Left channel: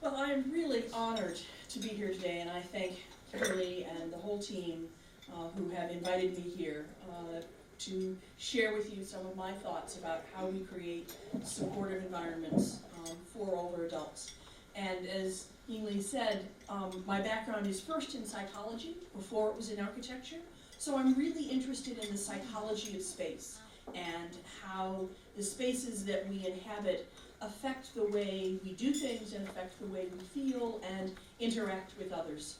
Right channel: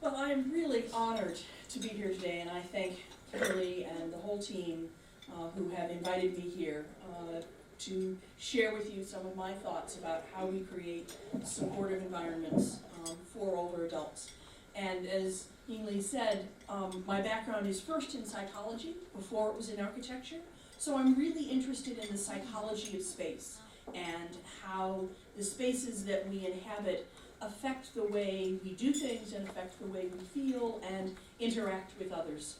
Well, I'm really honored to be here today, and I thank Kimberly and the whole team who have invited me here to share with you some of my thoughts about how we create supportive environments for older adults. And as Yingli said, my background is first in psychology before it was in architecture, so I'm really interested in the psychology of space and how the spaces that we inhabit affect the way we do things and affect the way we feel and interact with others.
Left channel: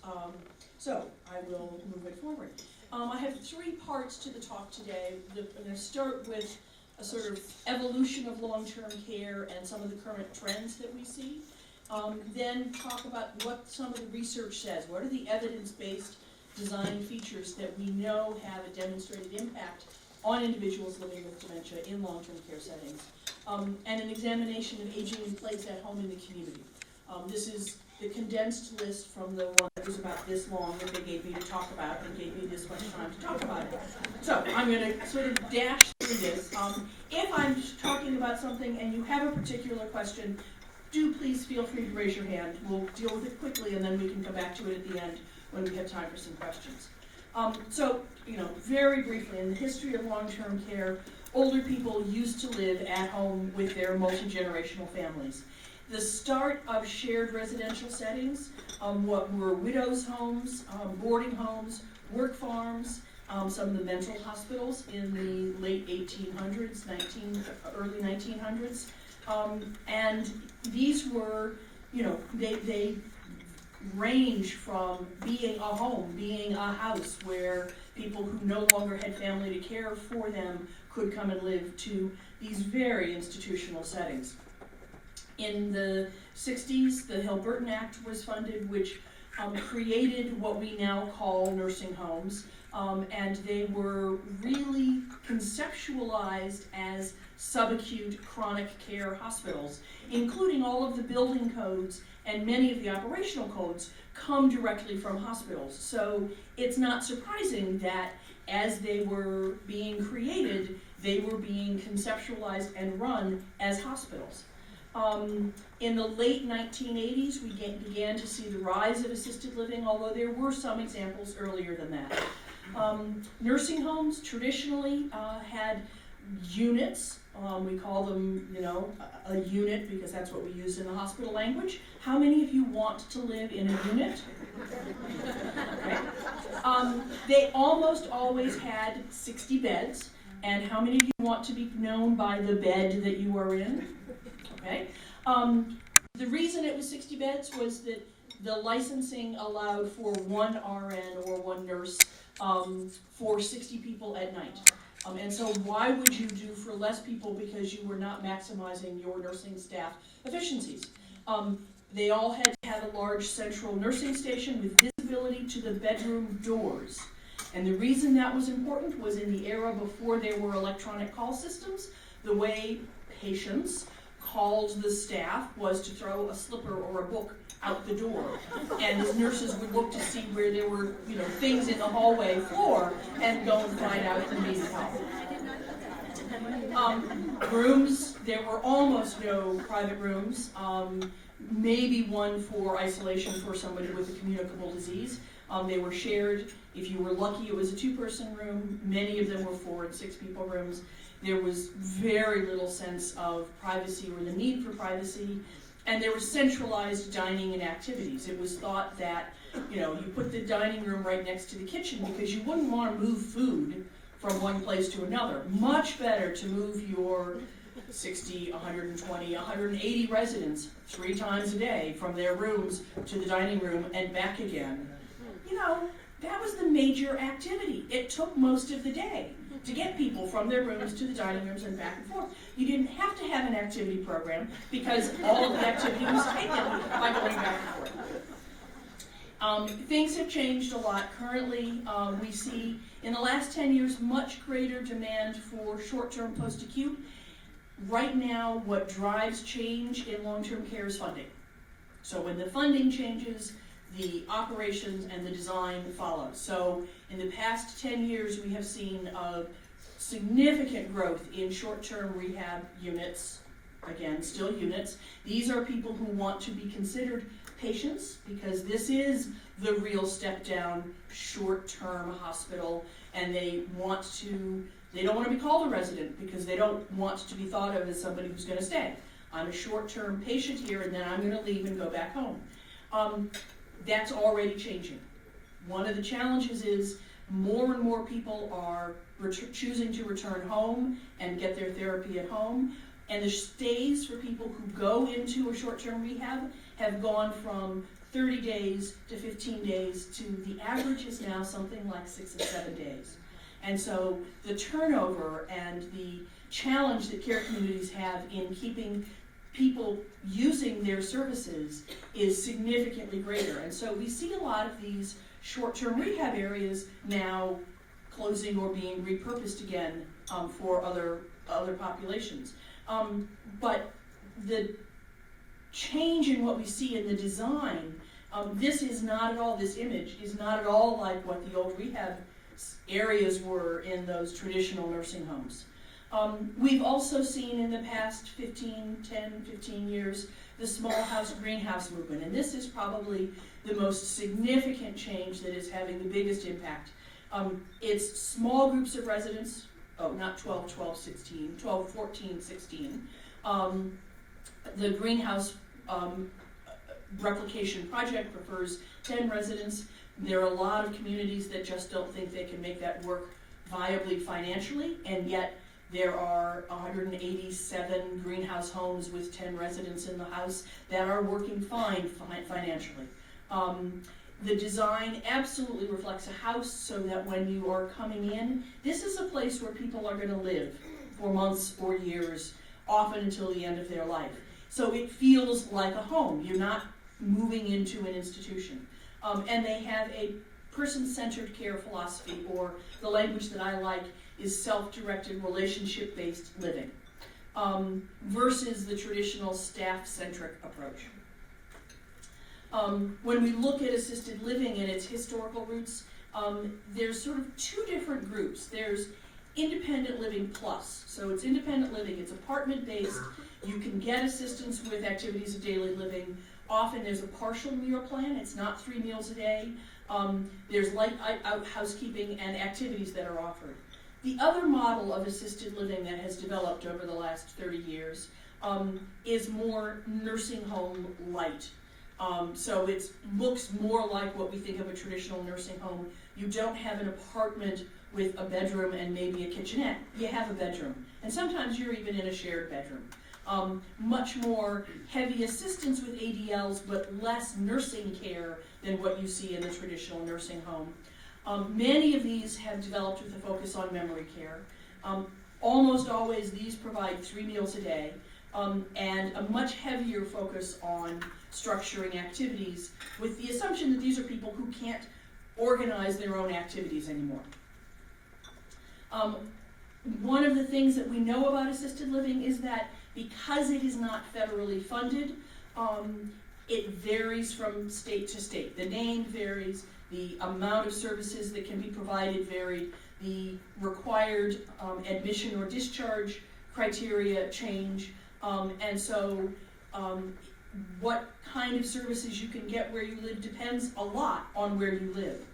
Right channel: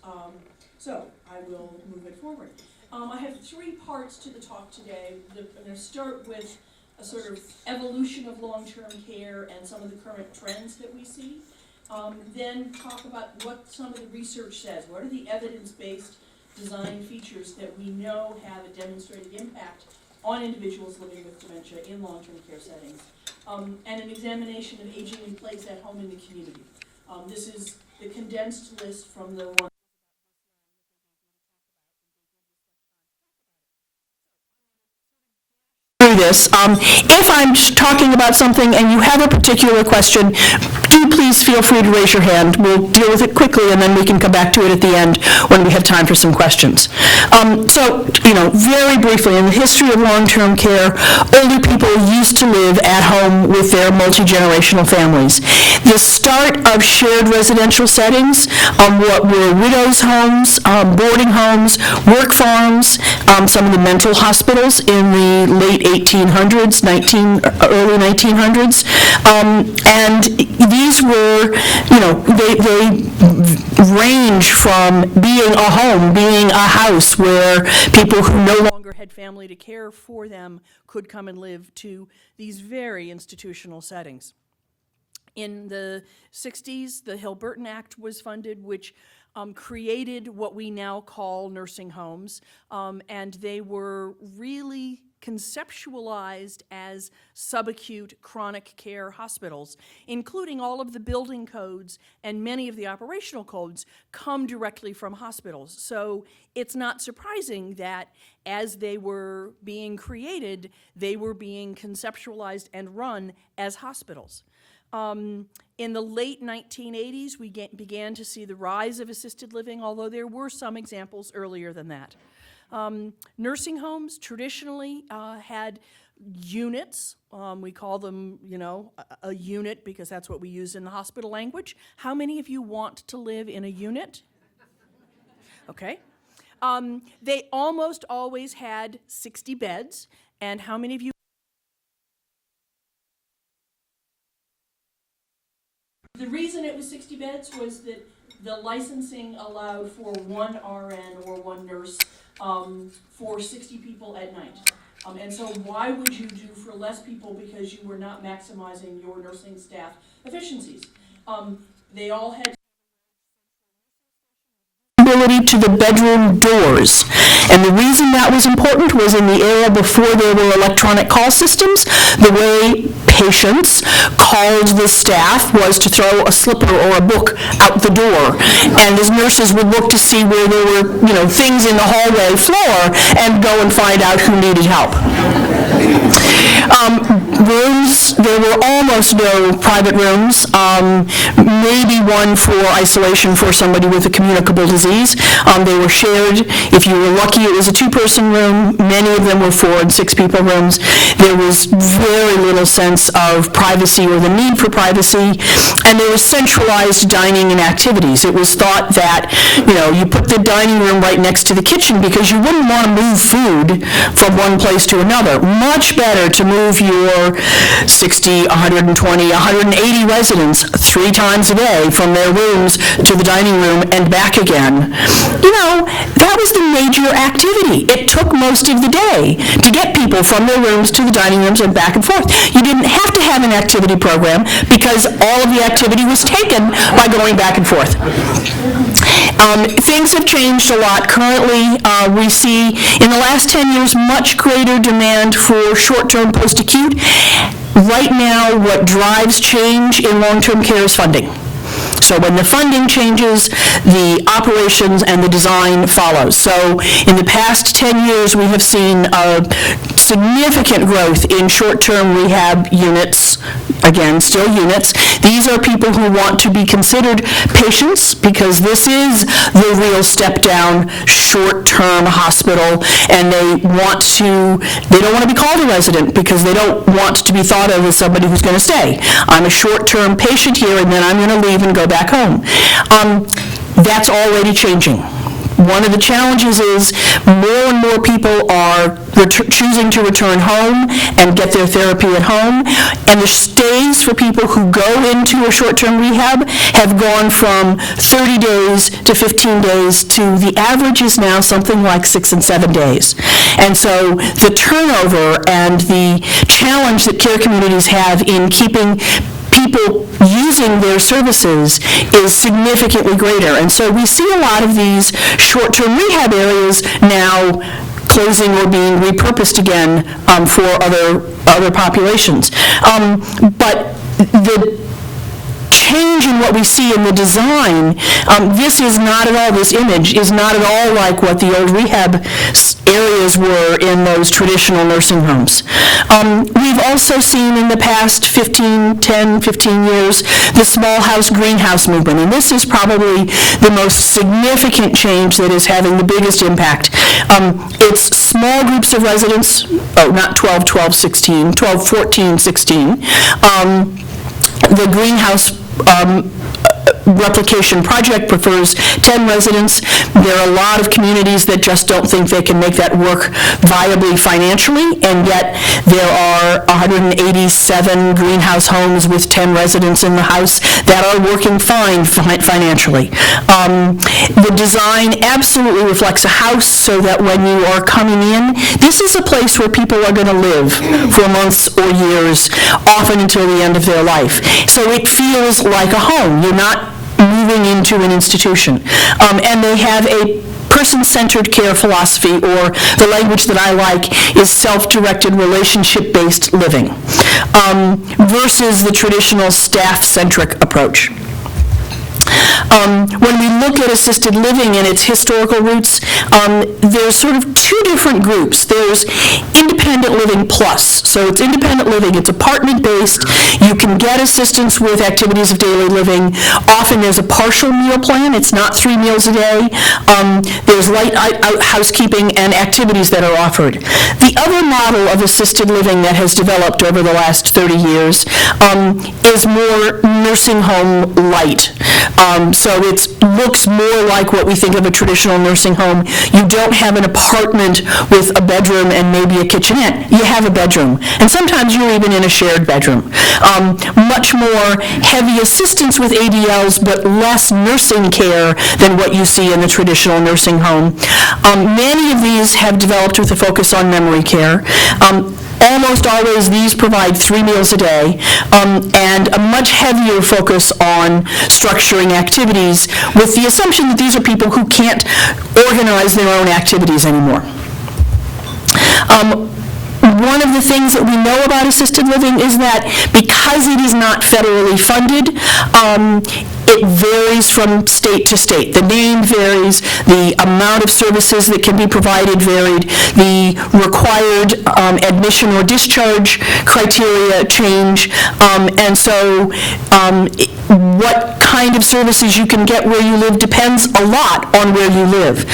So I will move it forward. I have three parts to the talk today. I'm going to start with a sort of evolution of long-term care and some of the current trends that we see. Then talk about what some of the research says. What are the evidence-based design features that we know have a demonstrated impact on individuals living with dementia in long-term care settings, and an examination of aging in place at home in the community. This is the condensed list from the one that was about this long that they gave me to talk about and gave me this much time to talk about it. So I'm going to sort of dash through this. If I'm talking about something and you have a particular question, do please feel free to raise your hand. We'll deal with it quickly and then we can come back to it at the end when we have time for some questions. So, very briefly, in the history of long-term care, older people used to live at home with their multi-generational families. The start of shared residential settings, what were widows' homes, boarding homes, work farms, some of the mental hospitals in the late 1800s, early 1900s, and these were, they range from being a home, being a house where people who no longer had family to care for them could come and live, to these very institutional settings. In the 60s, the Hill-Burton Act was funded, which created what we now call nursing homes, and they were really conceptualized as subacute chronic care hospitals, including all of the building codes and many of the operational codes come directly from hospitals. So it's not surprising that as they were being created, they were being conceptualized and run as hospitals. In the late 1980s, we began to see the rise of assisted living, although there were some examples earlier than that. Nursing homes traditionally had units. We call them, a unit because that's what we use in the hospital language. How many of you want to live in a unit? Okay. They almost always had 60 beds. And how many of you want to be known by the bed that you are in? Okay. The reason it was 60 beds was that the licensing allowed for one RN or one nurse for 60 people at night. And so why would you do for less people because you were not maximizing your nursing staff efficiencies? They all had to have a large central nursing station with visibility to the bedroom doors. And the reason that was important was in the era before there were electronic call systems, the way patients called the staff was to throw a slipper or a book out the door. And as nurses would look to see where there were, things in the hallway floor and go and find out who needed help. Rooms, there were almost no private rooms, maybe one for isolation for somebody with a communicable disease. They were shared. If you were lucky, it was a two-person room. Many of them were 4 and 6 people rooms. There was very little sense of privacy or the need for privacy, and there was centralized dining and activities. It was thought that, you put the dining room right next to the kitchen because you wouldn't want to move food from one place to another. Much better to move your 60, 120, 180 residents 3 times a day from their rooms to the dining room and back again. That was the major activity. It took most of the day to get people from their rooms to the dining rooms and back and forth. You didn't have to have an activity program because all of the activity was taken by going back and forth. Things have changed a lot. Currently, we see in the last 10 years much greater demand for short-term post-acute. Right now, what drives change in long-term care is funding. So when the funding changes, the operations and the design follows. So in the past 10 years, we have seen significant growth in short-term rehab units, again, still units. These are people who want to be considered patients because this is the real step-down short-term hospital, and they don't want to be called a resident because they don't want to be thought of as somebody who's going to stay. I'm a short-term patient here, and then I'm going to leave and go back home. That's already changing. One of the challenges is more and more people are choosing to return home and get their therapy at home, and the stays for people who go into a short-term rehab have gone from 30 days to 15 days to the average is now something like 6 and 7 days. And so the turnover and the challenge that care communities have in keeping people using their services is significantly greater. And so we see a lot of these short-term rehab areas now closing or being repurposed again for other populations. But the change in what we see in the design, this image is not at all like what the old rehab areas were in those traditional nursing homes. We've also seen in the past 10, 15 years, the small house, greenhouse movement, and this is probably the most significant change that is having the biggest impact. It's small groups of residents, not 12, 16. The greenhouse replication project prefers 10 residents. There are a lot of communities that just don't think they can make that work viably financially, and yet there are 187 greenhouse homes with 10 residents in the house that are working fine financially. The design absolutely reflects a house so that when you are coming in, this is a place where people are going to live for months or years, often until the end of their life. So it feels like a home. You're not moving into an institution. And they have a person-centered care philosophy, or the language that I like is self-directed relationship-based living, versus the traditional staff-centric approach. When we look at assisted living and its historical roots, there's sort of two different groups. There's independent living plus. So it's independent living. It's apartment-based. You can get assistance with activities of daily living. Often there's a partial meal plan. It's not 3 meals a day. There's light housekeeping and activities that are offered. The other model of assisted living that has developed over the last 30 years is more nursing home light. So it looks more like what we think of a traditional nursing home. You don't have an apartment with a bedroom and maybe a kitchenette. You have a bedroom. And sometimes you're even in a shared bedroom. Much more heavy assistance with ADLs, but less nursing care than what you see in the traditional nursing home. Many of these have developed with a focus on memory care. Almost always these provide 3 meals a day, and a much heavier focus on structuring activities with the assumption that these are people who can't organize their own activities anymore. One of the things that we know about assisted living is that because it is not federally funded, it varies from state to state. The name varies, the amount of services that can be provided varied, the required admission or discharge criteria change, and so what kind of services you can get where you live depends a lot on where you live.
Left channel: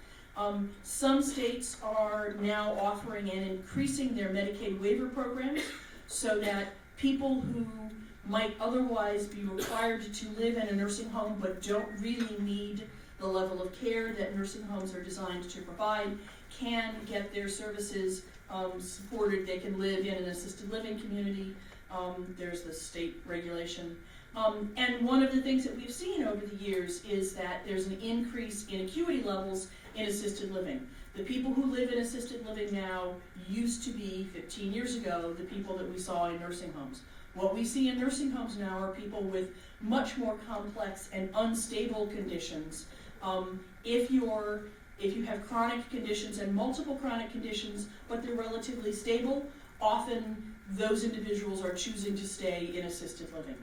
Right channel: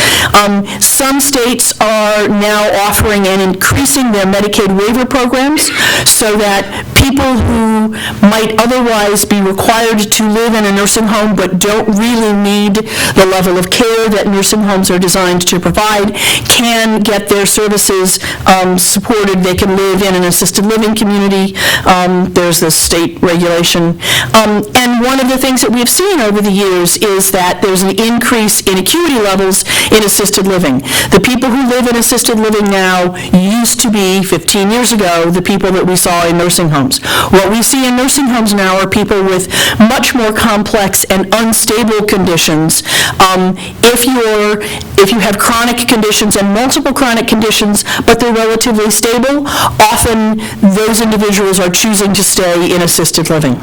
Some states are now offering and increasing their Medicaid waiver programs so that people who might otherwise be required to live in a nursing home but don't really need the level of care that nursing homes are designed to provide can get their services supported. They can live in an assisted living community. There's this state regulation. And one of the things that we've seen over the years is that there's an increase in acuity levels in assisted living. The people who live in assisted living now used to be, 15 years ago, the people that we saw in nursing homes. What we see in nursing homes now are people with much more complex and unstable conditions. If you have chronic conditions and multiple chronic conditions, but they're relatively stable, often those individuals are choosing to stay in assisted living.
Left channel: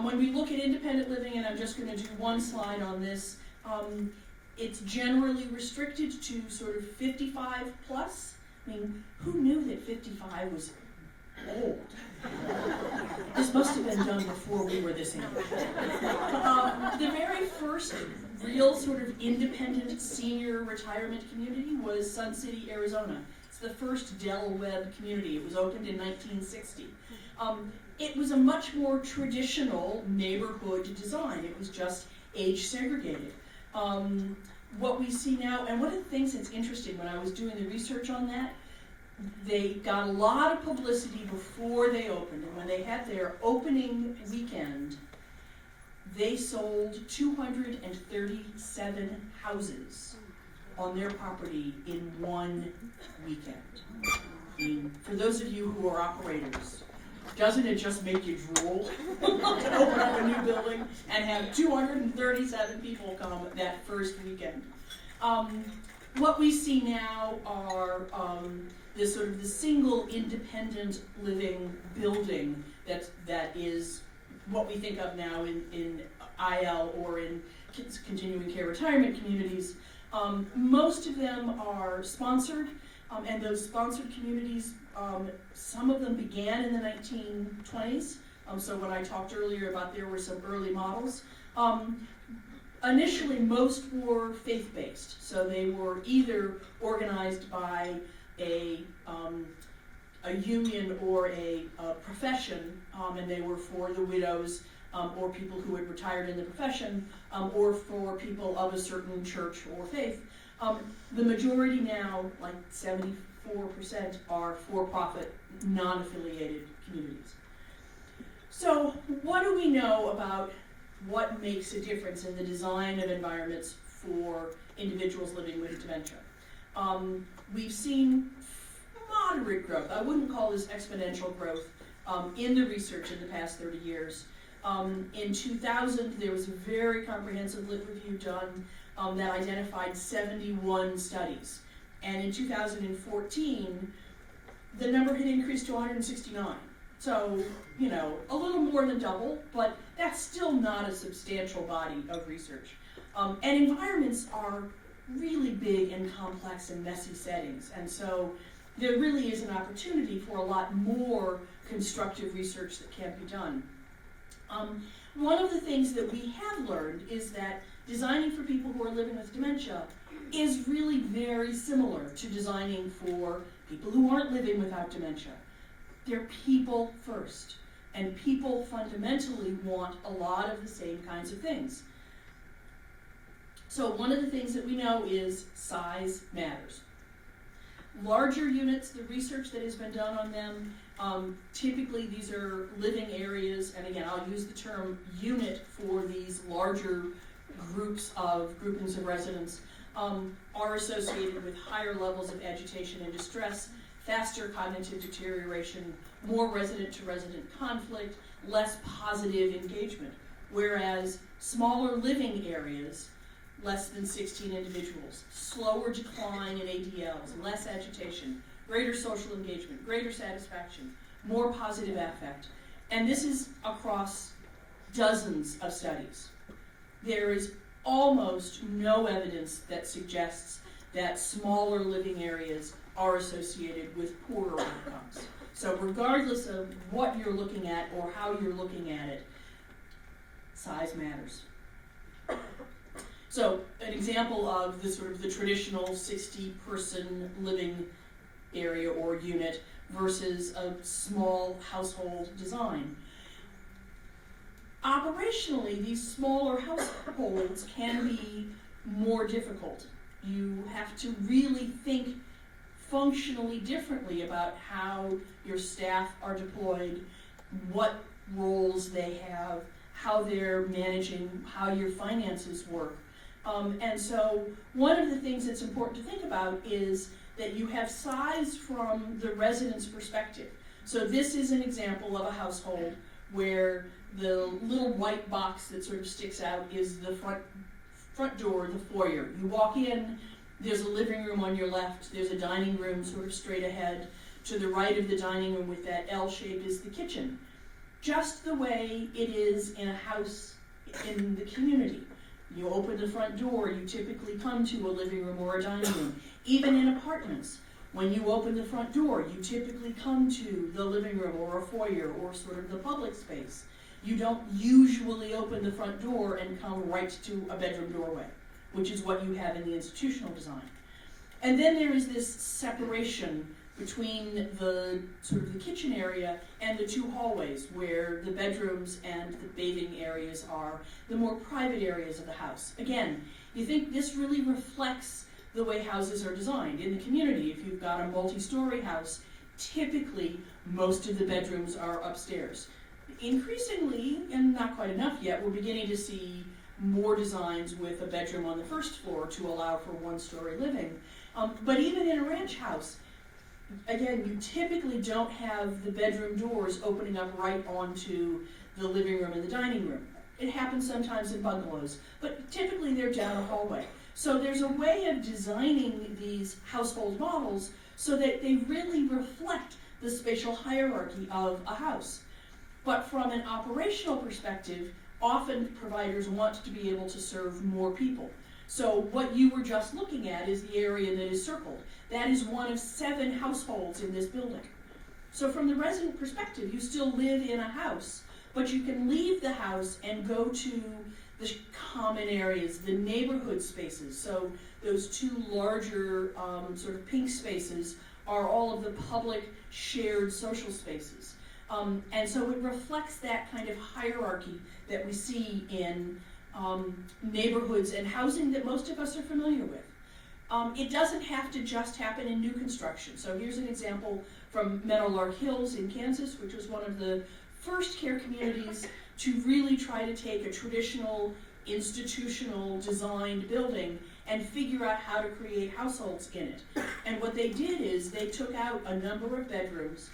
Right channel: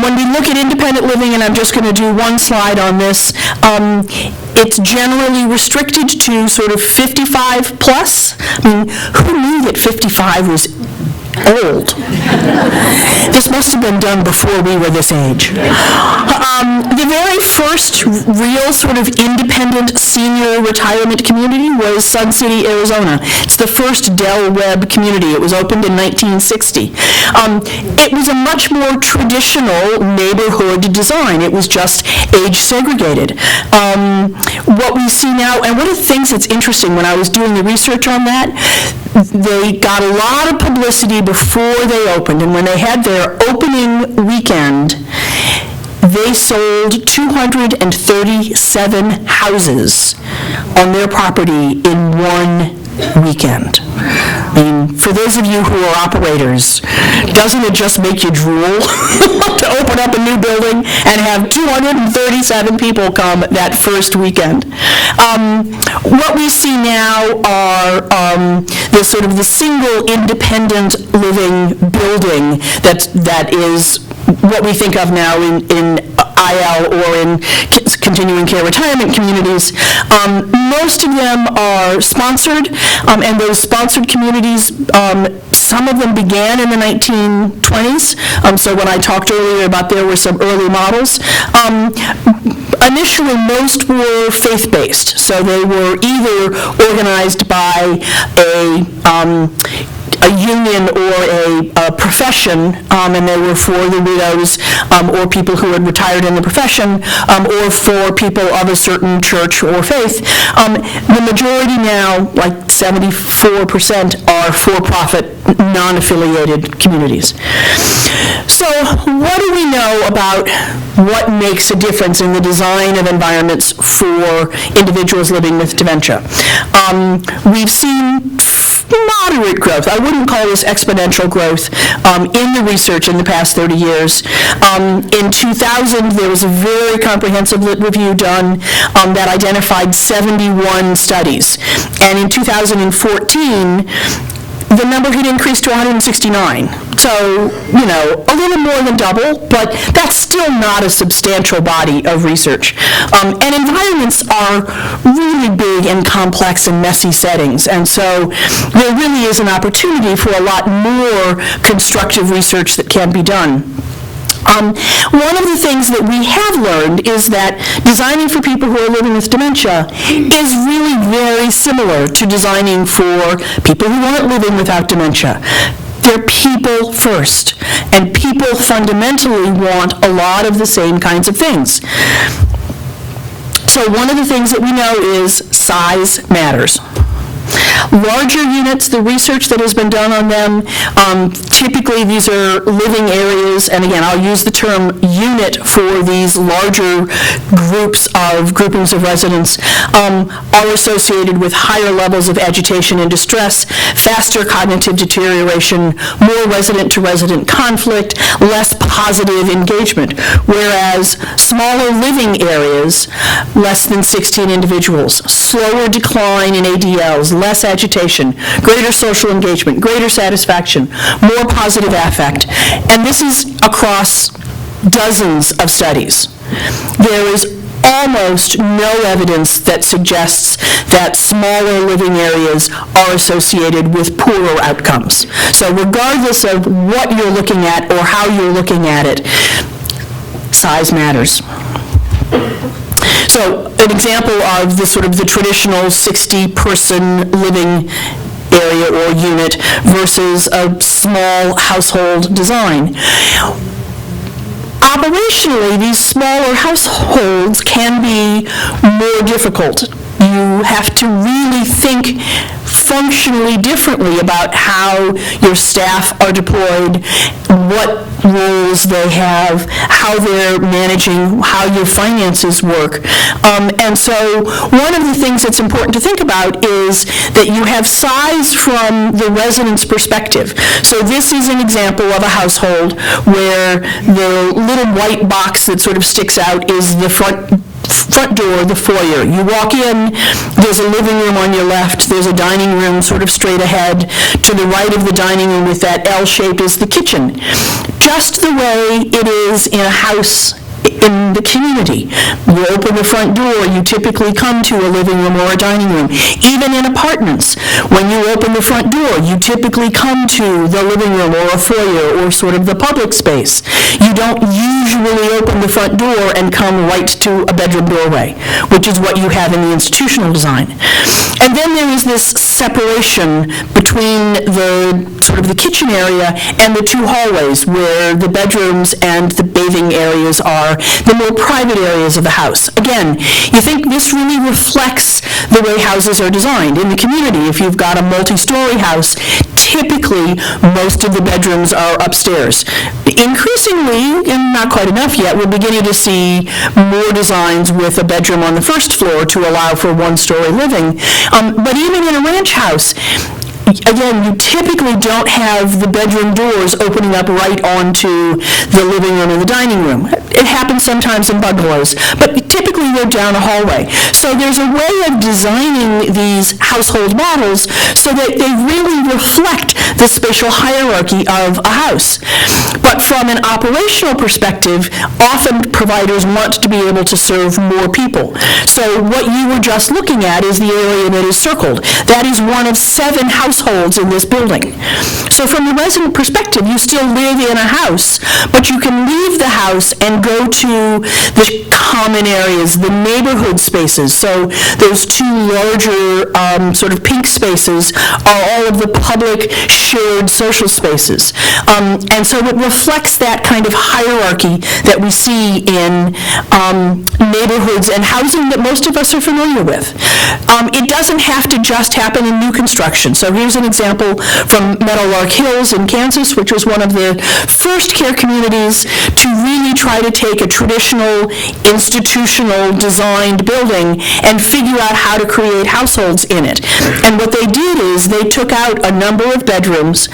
When we look at independent living, and I'm just going to do one slide on this, it's generally restricted to sort of 55 plus. I mean, who knew that 55 was old? This must have been done before we were this age. The very first real sort of independent senior retirement community was Sun City, Arizona. It's the first Del Webb community. It was opened in 1960. It was a much more traditional neighborhood design. It was just age segregated. What we see now, and one of the things that's interesting when I was doing the research on that, they got a lot of publicity before they opened, and when they had their opening weekend, they sold 237 houses on their property in one weekend. I mean, for those of you who are operators, doesn't it just make you drool to open up a new building and have 237 people come that first weekend? What we see now are the sort of the single independent living building that is what we think of now in IL or in continuing care retirement communities. Most of them are sponsored, and those sponsored communities, some of them began in the 1920s. So when I talked earlier about there were some early models. Initially, most were faith-based, so they were either organized by a union or a profession, and they were for the widows or people who had retired in the profession, or for people of a certain church or faith. The majority now, like 74%, are for-profit, non-affiliated communities. So what do we know about what makes a difference in the design of environments for individuals living with dementia? We've seen moderate growth. I wouldn't call this exponential growth in the research in the past 30 years. In 2000, there was a very comprehensive lit review done that identified 71 studies. And in 2014, the number had increased to 169. So, you know, a little more than double, but that's still not a substantial body of research. And environments are really big and complex and messy settings, and so there really is an opportunity for a lot more constructive research that can be done. One of the things that we have learned is that designing for people who are living with dementia is really very similar to designing for people who aren't living without dementia. They're people first, and people fundamentally want a lot of the same kinds of things. So one of the things that we know is size matters. Larger units, the research that has been done on them, typically these are living areas, and again, I'll use the term unit for these larger groupings of residents, are associated with higher levels of agitation and distress, faster cognitive deterioration, more resident-to-resident conflict, less positive engagement, whereas smaller living areas, less than 16 individuals, slower decline in ADLs, less agitation, greater social engagement, greater satisfaction, more positive affect. And this is across dozens of studies. There is almost no evidence that suggests that smaller living areas are associated with poorer outcomes. So regardless of what you're looking at or how you're looking at it, size matters. So an example of the sort of the traditional 60-person living area or unit versus a small household design. Operationally, these smaller households can be more difficult. You have to really think functionally differently about how your staff are deployed, what roles they have, how they're managing, how your finances work. And so one of the things that's important to think about is that you have size from the resident's perspective. So this is an example of a household where the little white box that sort of sticks out is the front front door, the foyer. You walk in, there's a living room on your left, there's a dining room sort of straight ahead. To the right of the dining room with that L shape is the kitchen. Just the way it is in a house in the community. You open the front door, you typically come to a living room or a dining room. Even in apartments, when you open the front door, you typically come to the living room or a foyer or sort of the public space. You don't usually open the front door and come right to a bedroom doorway, which is what you have in the institutional design. And then there is this separation between the sort of the kitchen area and the two hallways where the bedrooms and the bathing areas are, the more private areas of the house. Again, you think this really reflects the way houses are designed. In the community, if you've got a multi-story house, typically most of the bedrooms are upstairs. Increasingly, and not quite enough yet, we're beginning to see more designs with a bedroom on the first floor to allow for one-story living. But even in a ranch house, again, you typically don't have the bedroom doors opening up right onto the living room and the dining room. It happens sometimes in bungalows, but typically they're down a hallway. So there's a way of designing these household models so that they really reflect the spatial hierarchy of a house. But from an operational perspective, often providers want to be able to serve more people. So what you were just looking at is the area that is circled. That is one of 7 households in this building. So from the resident perspective, you still live in a house, but you can leave the house and go to the common areas, the neighborhood spaces. So those 2 larger sort of pink spaces are all of the public shared social spaces. And so it reflects that kind of hierarchy that we see in neighborhoods and housing that most of us are familiar with. It doesn't have to just happen in new construction. So here's an example from Meadowlark Hills in Kansas, which was one of the first care communities to really try to take a traditional institutional designed building and figure out how to create households in it. And what they did is they took out a number of bedrooms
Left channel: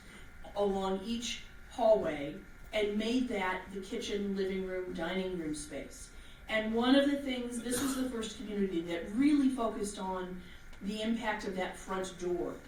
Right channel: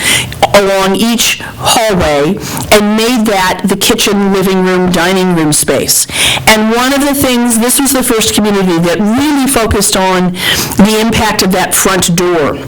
along each hallway and made that the kitchen, living room, dining room space. And one of the things, this was the first community that really focused on the impact of that front door.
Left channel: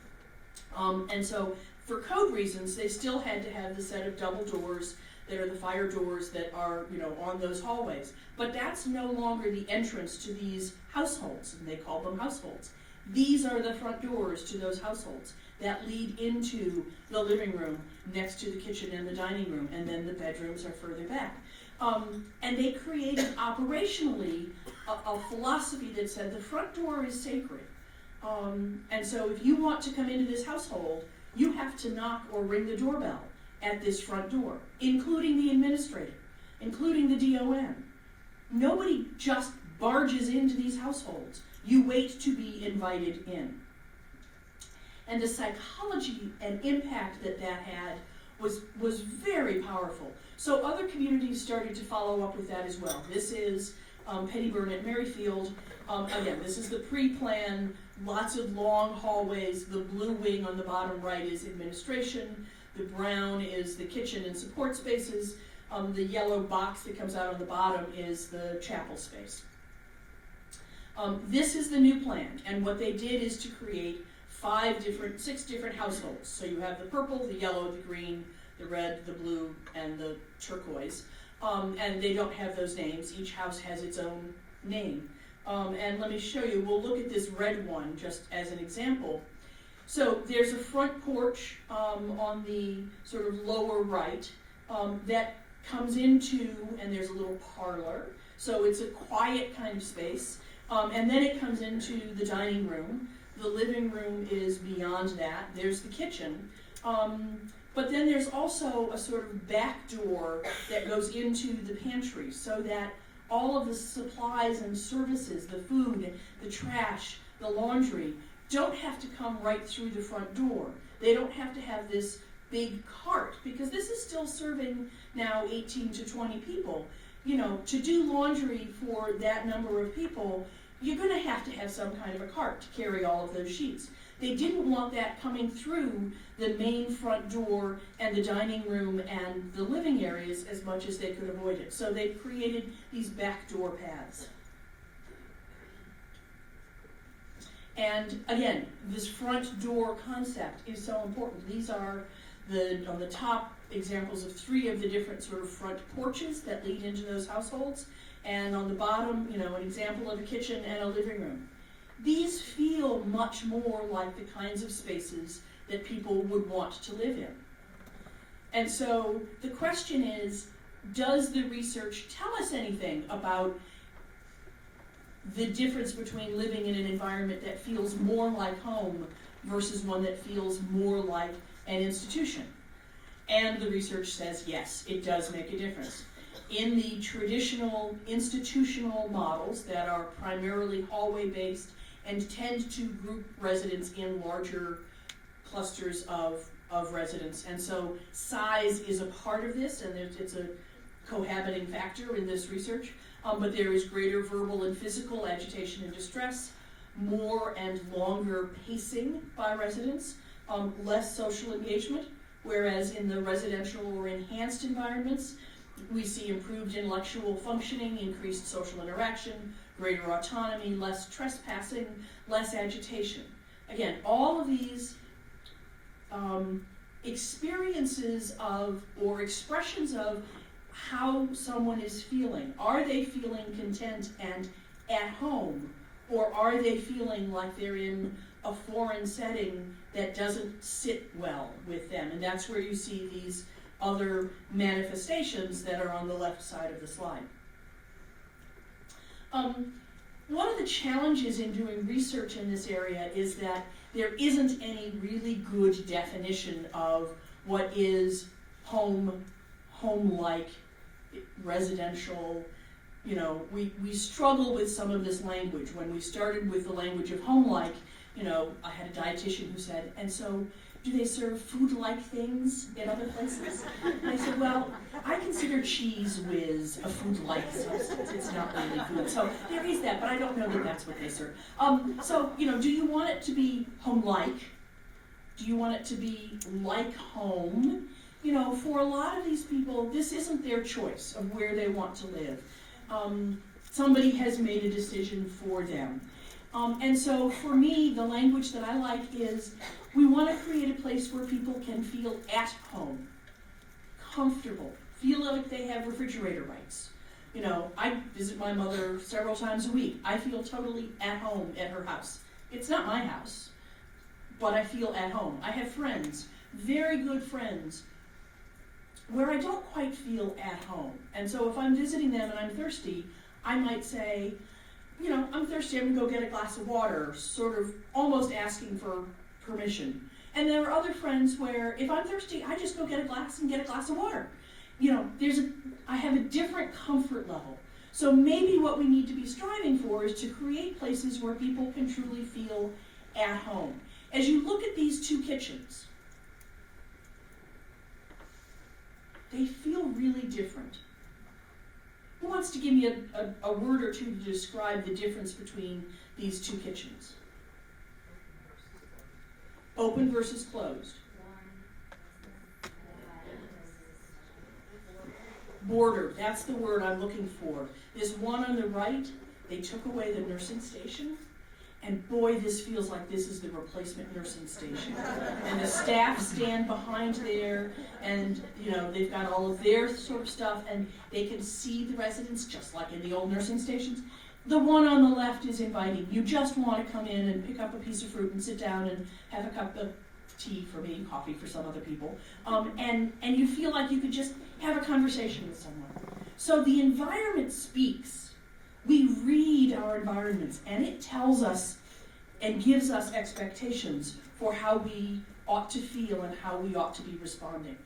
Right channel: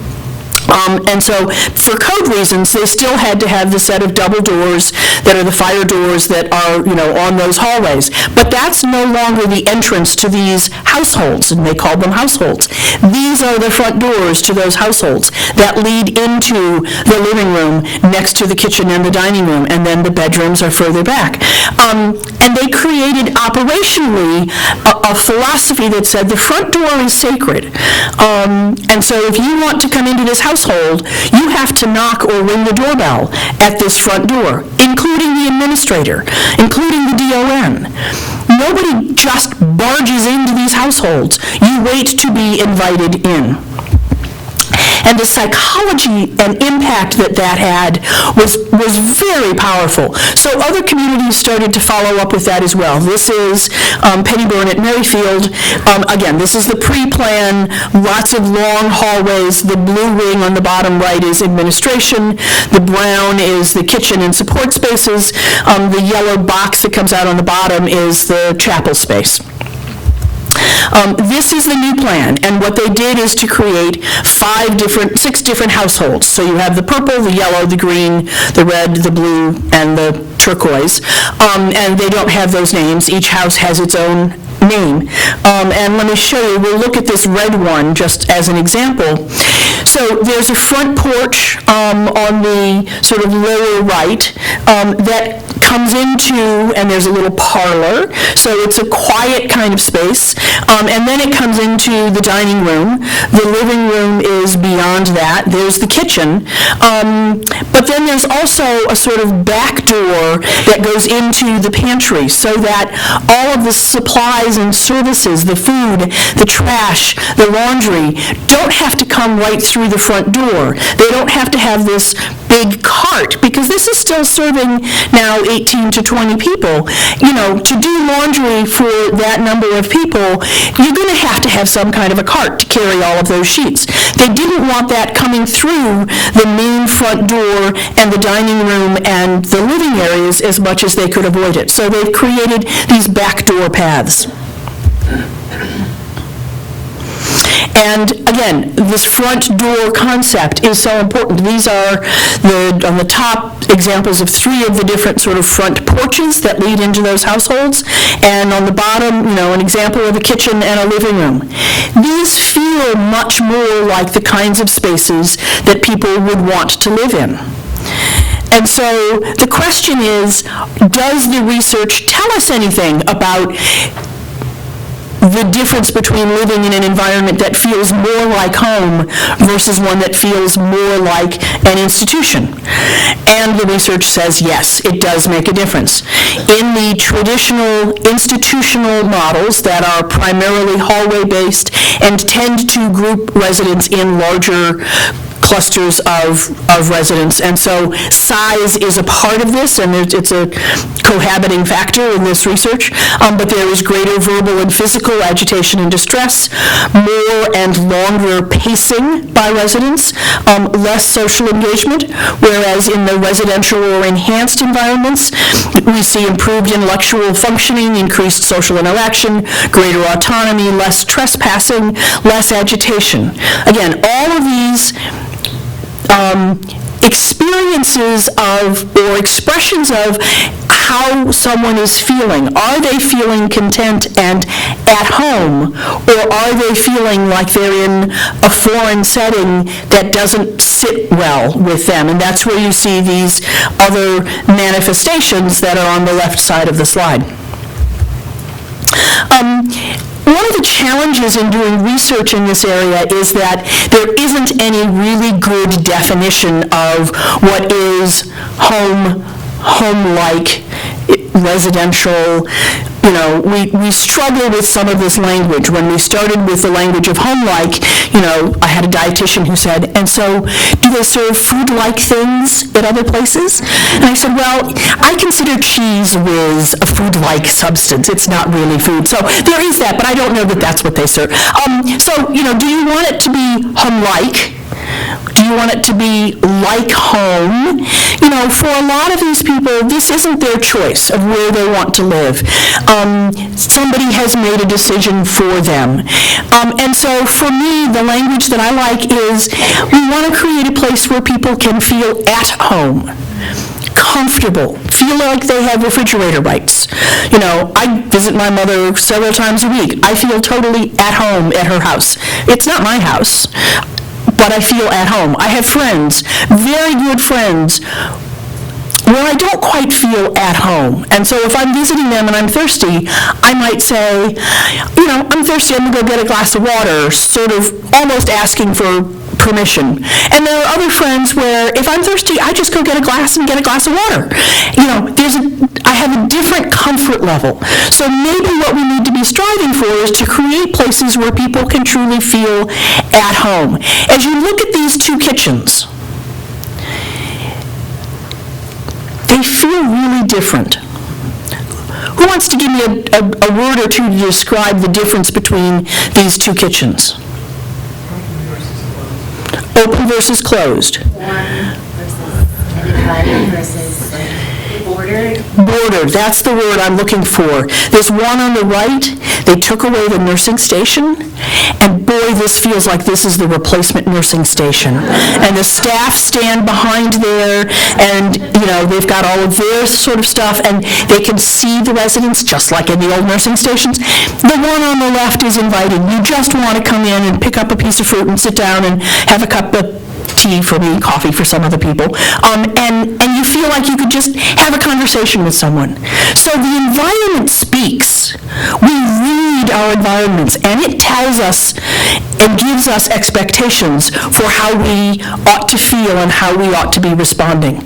And so for code reasons, they still had to have the set of double doors that are the fire doors that are, on those hallways. But that's no longer the entrance to these households, and they called them households. These are the front doors to those households that lead into the living room next to the kitchen and the dining room, and then the bedrooms are further back. And they created operationally a philosophy that said the front door is sacred. And so if you want to come into this household, you have to knock or ring the doorbell at this front door, including the administrator, including the DON. Nobody just barges into these households. You wait to be invited in. And the psychology and impact that had was very powerful. So other communities started to follow up with that as well. This is Pennyburn at Merrifield. Again, this is the pre-plan, lots of long hallways. The blue ring on the bottom right is administration. The brown is the kitchen and support spaces. The yellow box that comes out on the bottom is the chapel space. This is the new plan, and what they did is to create 6 different households. So you have the purple, the yellow, the green, the red, the blue, and the turquoise. And they don't have those names. Each house has its own name. And let me show you, we'll look at this red one just as an example. So there's a front porch on the sort of lower right that comes into, and there's a little parlor, so it's a quiet kind of space, and then it comes into the dining room. The living room is beyond that. There's the kitchen, but then there's also a sort of back door that goes into the pantry so that all of the supplies and services, the food, the trash, the laundry, don't have to come right through the front door. They don't have to have this big cart, because this is still serving now 18 to 20 people. To do laundry for that number of people, you're going to have some kind of a cart to carry all of those sheets. They didn't want that coming through the main front door and the dining room and the living areas as much as they could avoid it. So they've created these back door paths. And again, this front door concept is so important. These are on the top examples of 3 of the different sort of front porches that lead into those households, and on the bottom, an example of a kitchen and a living room. These feel much more like the kinds of spaces that people would want to live in. And so the question is, does the research tell us anything about the difference between living in an environment that feels more like home versus one that feels more like an institution? And the research says, yes, it does make a difference. In the traditional institutional models that are primarily hallway-based and tend to group residents in larger clusters of residents, and so size is a part of this, and it's a cohabiting factor in this research, but there is greater verbal and physical agitation and distress, more and longer pacing by residents, less social engagement, whereas in the residential or enhanced environments, we see improved intellectual functioning, increased social interaction, greater autonomy, less trespassing, less agitation. Again, all of these experiences of or expressions of how someone is feeling. Are they feeling content and at home, or are they feeling like they're in a foreign setting that doesn't sit well with them? And that's where you see these other manifestations that are on the left side of the slide. One of the challenges in doing research in this area is that there isn't any really good definition of what is home-like, residential. We struggle with some of this language. When we started with the language of home-like, I had a dietitian who said, and so do they serve food-like things at other places? And I said, well, I consider cheese whiz a food-like substance. It's not really food. So there is that, but I don't know that that's what they serve. Do you want it to be home-like? Do you want it to be like home? For a lot of these people, this isn't their choice of where they want to live. Somebody has made a decision for them. And so for me, the language that I like is we want to create a place where people can feel at home, comfortable, feel like they have refrigerator rights. I visit my mother several times a week. I feel totally at home at her house. It's not my house, but I feel at home. I have friends, very good friends, where I don't quite feel at home. And so if I'm visiting them and I'm thirsty, I might say, I'm thirsty, I'm gonna go get a glass of water, sort of almost asking for permission. And there are other friends where if I'm thirsty, I just go get a glass of water. I have a different comfort level. So maybe what we need to be striving for is to create places where people can truly feel at home. As you look at these 2 kitchens, they feel really different. Who wants to give me a word or two to describe the difference between these 2 kitchens? Open versus closed. Warm versus divided versus bordered. Bordered, that's the word I'm looking for. There's one on the right, they took away the nursing station, and boy, this feels like this is the replacement nursing station. And the staff stand behind there, and they've got all of their sort of stuff, and they can see the residents just like in the old nursing stations. The one on the left is inviting. You just want to come in and pick up a piece of fruit and sit down and have a cup of tea for me, coffee for some other people, and you feel like you could just have a conversation with someone. So the environment speaks. We read our environments, and it tells us and gives us expectations for how we ought to feel and how we ought to be responding.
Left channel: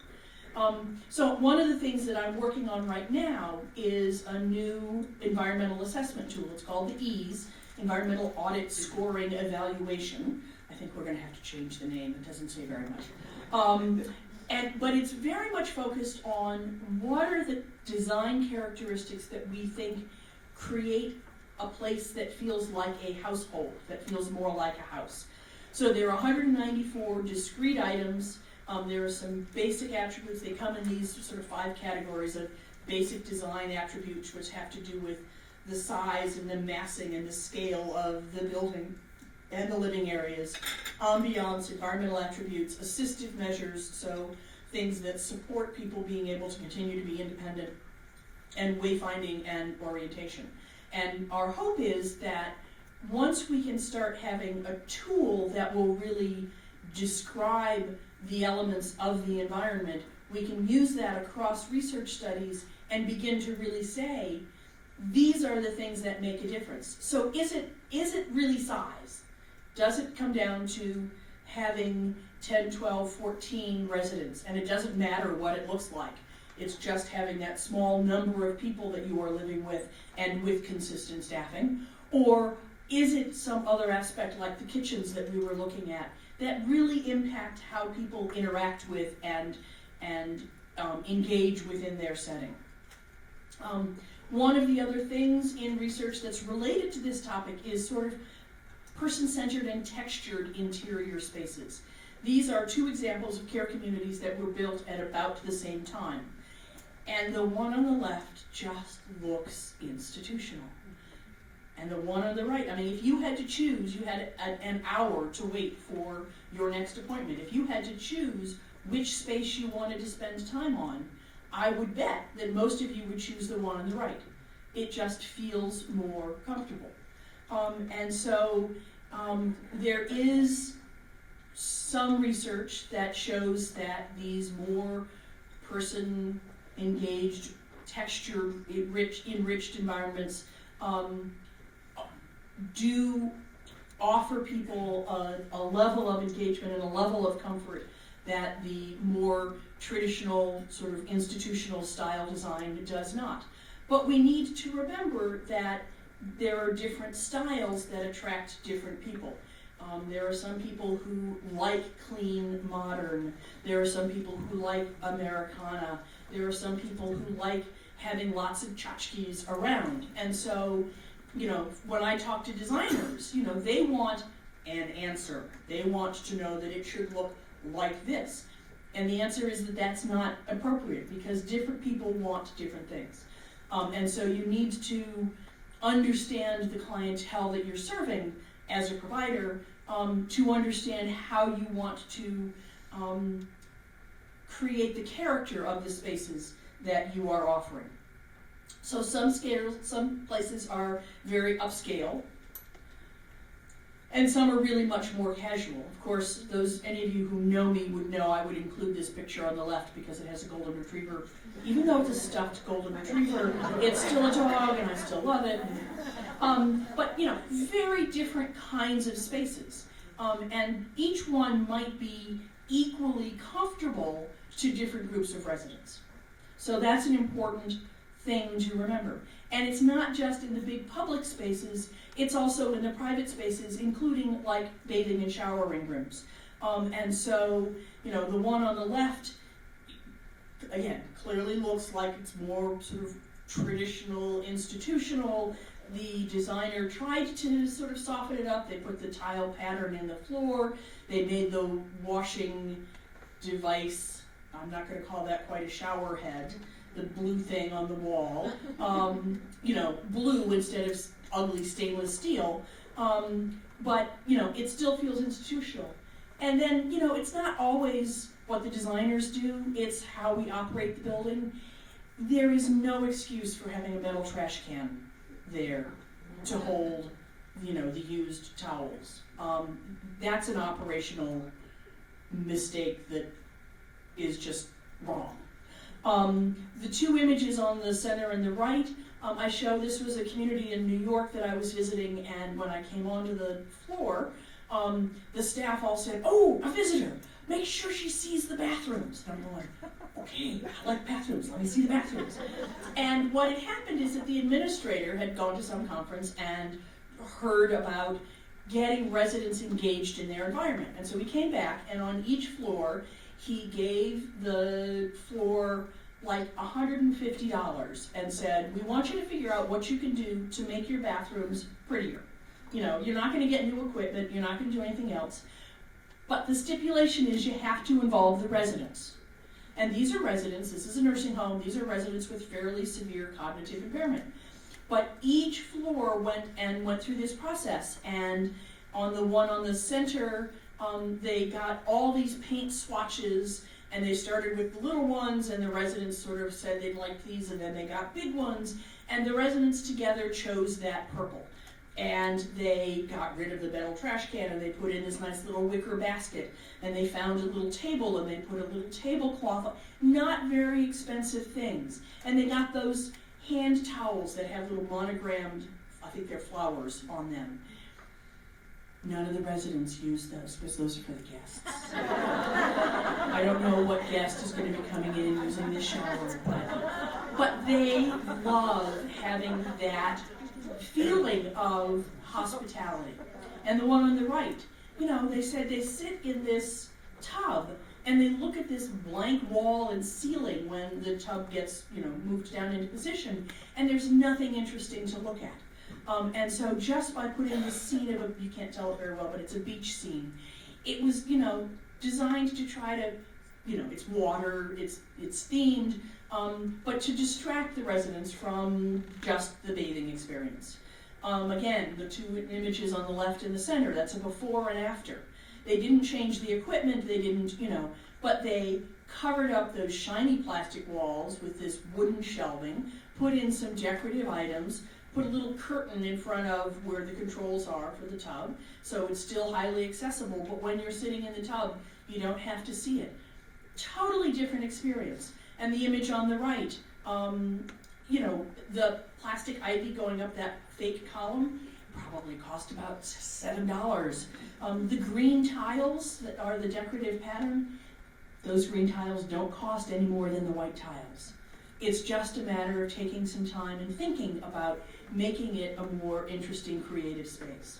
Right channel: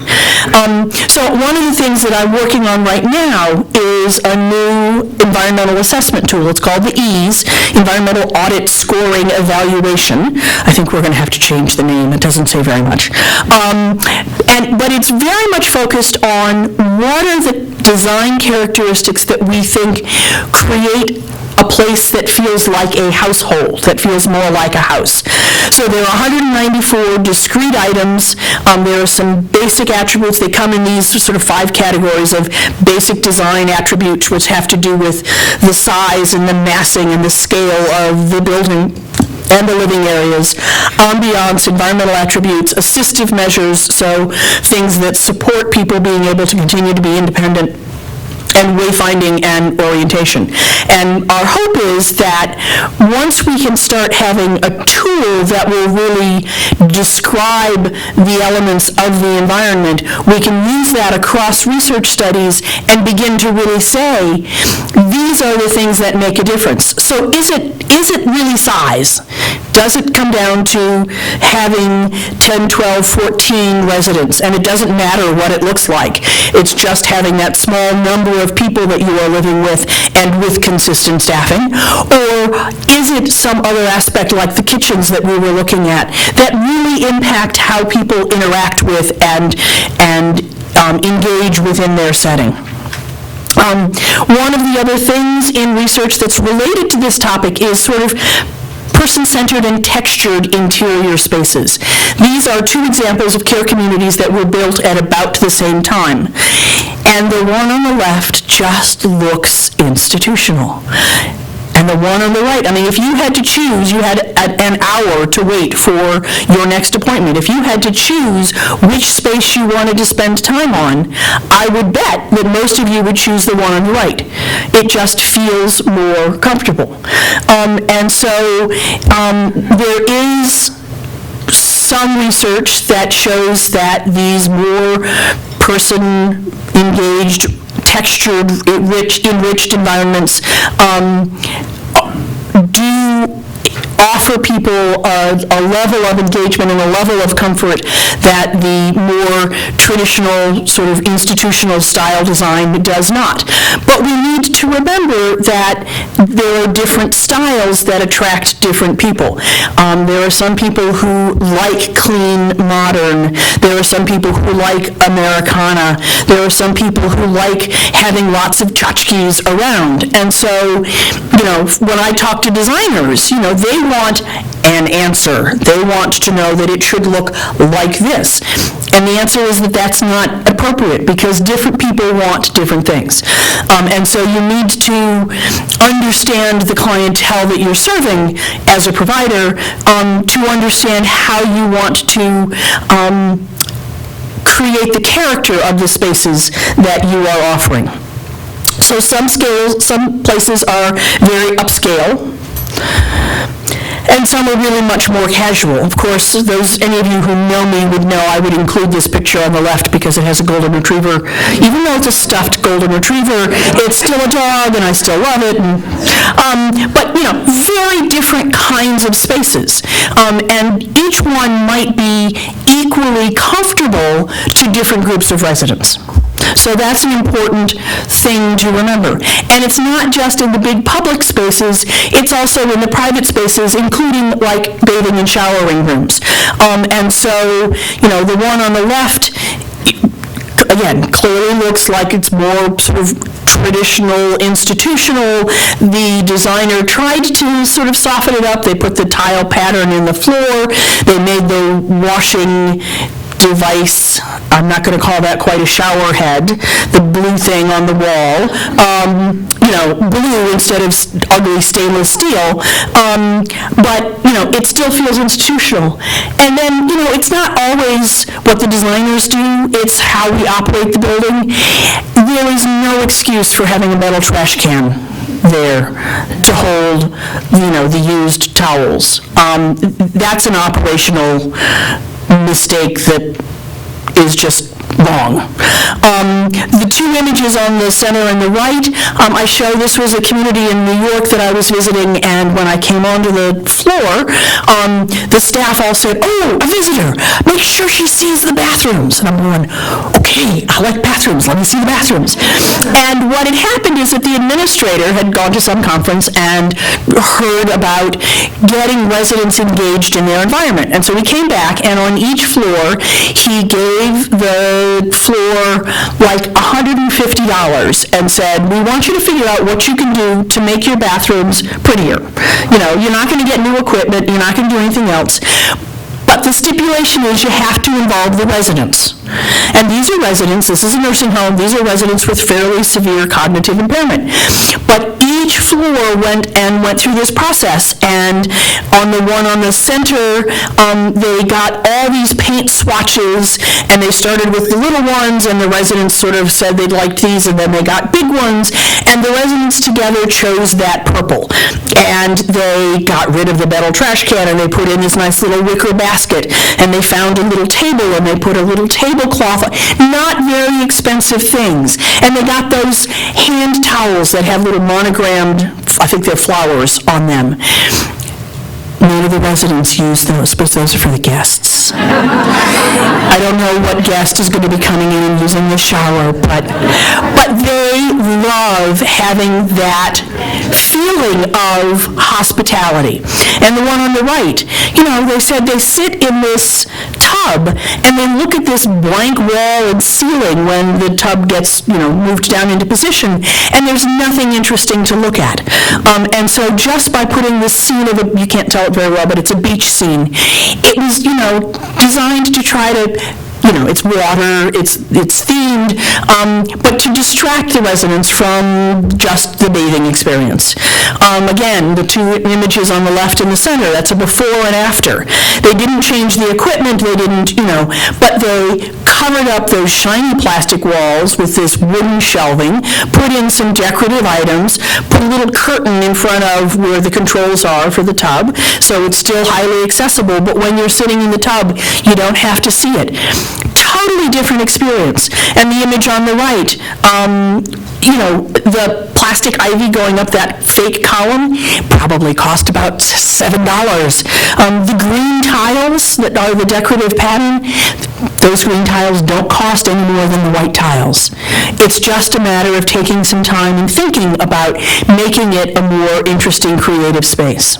So one of the things that I'm working on right now is a new environmental assessment tool. It's called the EASE, Environmental Audit Scoring Evaluation. I think we're going to have to change the name. It doesn't say very much. But it's very much focused on what are the design characteristics that we think create a a place that feels like a household, that feels more like a house. So there are 194 discrete items. There are some basic attributes. They come in these sort of 5 categories of basic design attributes, which have to do with the size and the massing and the scale of the building and the living areas, ambiance, environmental attributes, assistive measures, so things that support people being able to continue to be independent, and wayfinding and orientation. And our hope is that once we can start having a tool that will really describe the elements of the environment, we can use that across research studies and begin to really say, these are the things that make a difference. So is it really size? Does it come down to having 10, 12, 14 residents, and it doesn't matter what it looks like? It's just having that small number of people that you are living with and with consistent staffing? Or is it some other aspect like the kitchens that we were looking at that really impact how people interact with and engage within their setting? One of the other things in research that's related to this topic is sort of person-centered and textured interior spaces. These are 2 examples of care communities that were built at about the same time. And the one on the left just looks institutional. And the one on the right, I mean, if you had to choose, you had an hour to wait for your next appointment. If you had to choose which space you wanted to spend time on, I would bet that most of you would choose the one on the right. It just feels more comfortable. And so there is some research that shows that these more person-engaged, textured, enriched environments do offer people a level of engagement and a level of comfort that the more traditional sort of institutional style design does not. But we need to remember that there are different styles that attract different people. There are some people who like clean, modern. There are some people who like Americana. There are some people who like having lots of tchotchkes around. And so, when I talk to designers, they want an answer. They want to know that it should look like this. And the answer is that that's not appropriate because different people want different things. And so you need to understand the clientele that you're serving as a provider to understand how you want to create the character of the spaces that you are offering. So some places are very upscale, and some are really much more casual. Of course, any of you who know me would know I would include this picture on the left because it has a golden retriever. Even though it's a stuffed golden retriever, it's still a dog, and I still love it. But very different kinds of spaces, and each one might be equally comfortable to different groups of residents. So that's an important thing to remember. And it's not just in the big public spaces, it's also in the private spaces, including like bathing and showering rooms. And so, the one on the left, again, clearly looks like it's more sort of traditional, institutional. The designer tried to sort of soften it up. They put the tile pattern in the floor. They made the washing device, I'm not going to call that quite a shower head, the blue thing on the wall, blue instead of ugly stainless steel, but, it still feels institutional. And then, it's not always what the designers do, it's how we operate the building. There is no excuse for having a metal trash can there to hold, the used towels. That's an operational mistake that is just wrong. The 2 images on the center and the right, I show this was a community in New York that I was visiting, and when I came onto the floor, the staff all said, "Oh, a visitor, make sure she sees the bathrooms." And I'm going, okay, I like bathrooms, let me see the bathrooms. And what had happened is that the administrator had gone to some conference and heard about getting residents engaged in their environment. And so he came back, and on each floor, he gave the the floor like $150 and said, we want you to figure out what you can do to make your bathrooms prettier. You know, you're not going to get new equipment, you're not going to do anything else. But the stipulation is you have to involve the residents. And these are residents, this is a nursing home, these are residents with fairly severe cognitive impairment. But each floor went through this process, and on the one on the center, they got all these paint swatches, and they started with the little ones, and the residents sort of said they liked these, and then they got big ones, and the residents together chose that purple. And they got rid of the metal trash can, and they put in this nice little wicker basket, and they found a little table, and they put a little tablecloth, not very expensive things. And they got those hand towels that have little monogrammed, I think they're flowers on them. None of the residents use those, but those are for the guests. I don't know what guest is going to be coming in and using the shower, but they love having that feeling of hospitality. And the one on the right, you know, they said they sit in this tub and they look at this blank wall and ceiling when the tub gets, you know, moved down into position, and there's nothing interesting to look at. And so just by putting this scene of you can't tell it very well, but it's a beach scene, it was, you know, designed to try to, you know, it's water, it's themed, but to distract the residents from just the bathing experience. Again, the two images on the left and the center, that's a before and after. They didn't change the equipment, they didn't, you know, but they covered up those shiny plastic walls with this wooden shelving, put in some decorative items, put a little curtain in front of where the controls are for the tub, so it's still highly accessible, but when you're sitting in the tub, you don't have to see it. Totally different experience. And the image on the right, you know, the plastic ivy going up that fake column probably cost about $7. The green tiles that are the decorative pattern, those green tiles don't cost any more than the white tiles. It's just a matter of taking some time and thinking about making it a more interesting, creative space.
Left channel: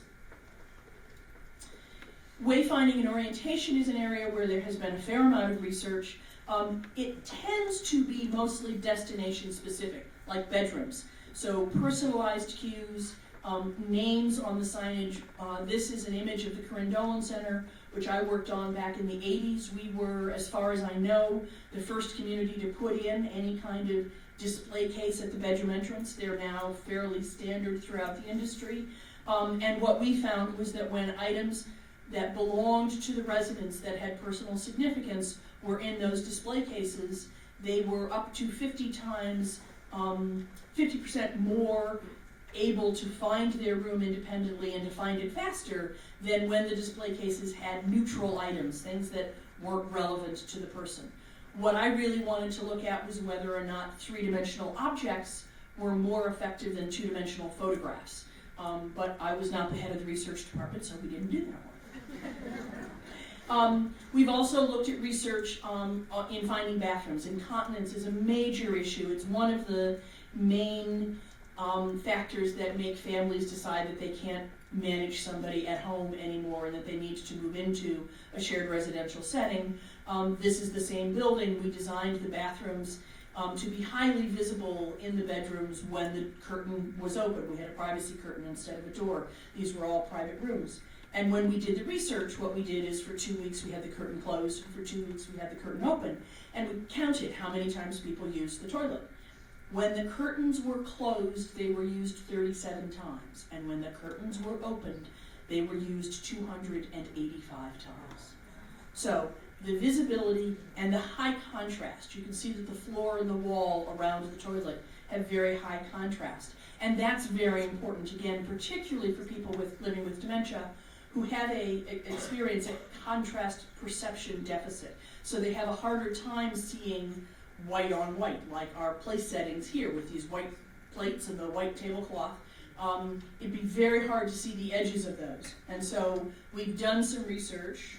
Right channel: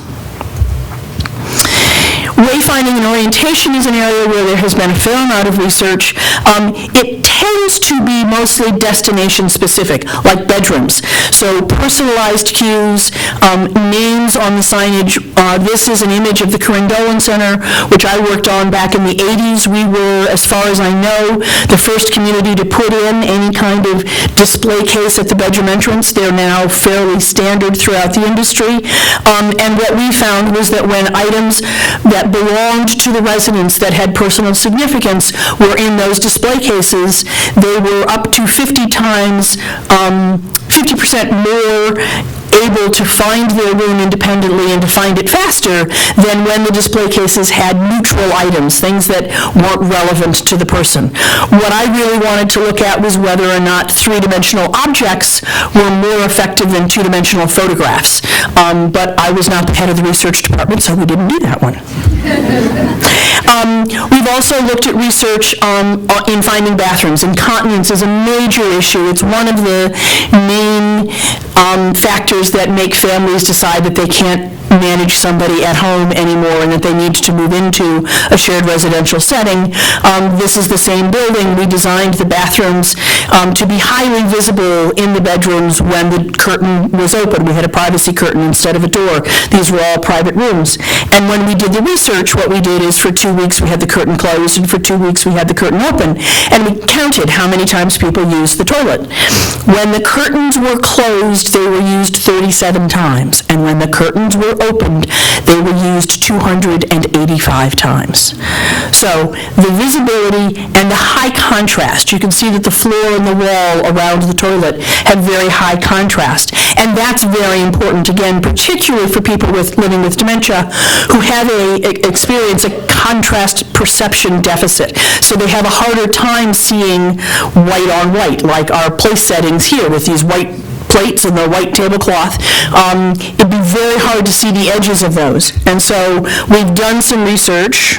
Wayfinding and orientation is an area where there has been a fair amount of research. It tends to be mostly destination specific, like bedrooms. So personalized cues, names on the signage. This is an image of the Corinne Dolan Center, which I worked on back in the 80s. We were, as far as I know, the first community to put in any kind of display case at the bedroom entrance. They're now fairly standard throughout the industry. And what we found was that when items that belonged to the residents that had personal significance were in those display cases, they were up to 50% more able to find their room independently and to find it faster than when the display cases had neutral items, things that weren't relevant to the person. What I really wanted to look at was whether or not three-dimensional objects were more effective than two-dimensional photographs. But I was not the head of the research department, so we didn't do that one. We've also looked at research in finding bathrooms. Incontinence is a major issue. It's one of the main factors that make families decide that they can't manage somebody at home anymore and that they need to move into a shared residential setting. This is the same building. We designed the bathrooms to be highly visible in the bedrooms when the curtain was open. We had a privacy curtain instead of a door. These were all private rooms. And when we did the research, what we did is for 2 weeks we had the curtain closed, and for 2 weeks we had the curtain open. And we counted how many times people used the toilet. When the curtains were closed, they were used 37 times. And when the curtains were opened, they were used 285 times. So the visibility and the high contrast, you can see that the floor and the wall around the toilet have very high contrast. And that's very important, again, particularly for people living with dementia who have experience a contrast perception deficit. So they have a harder time seeing white on white, like our place settings here with these white plates and the white tablecloth. It'd be very hard to see the edges of those. And so we've done some research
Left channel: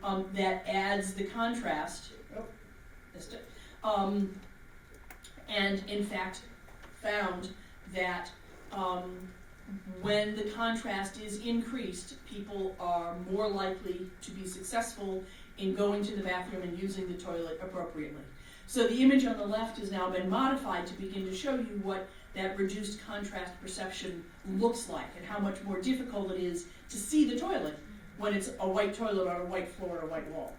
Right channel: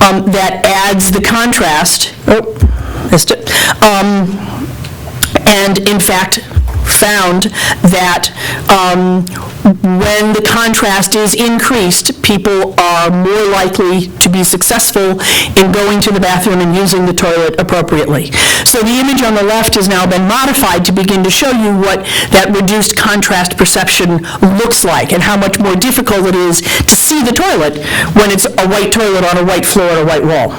that adds the contrast. Oh, missed it. And in fact, found that when the contrast is increased, people are more likely to be successful in going to the bathroom and using the toilet appropriately. So the image on the left has now been modified to begin to show you what that reduced contrast perception looks like and how much more difficult it is to see the toilet when it's a white toilet on a white floor and a white wall.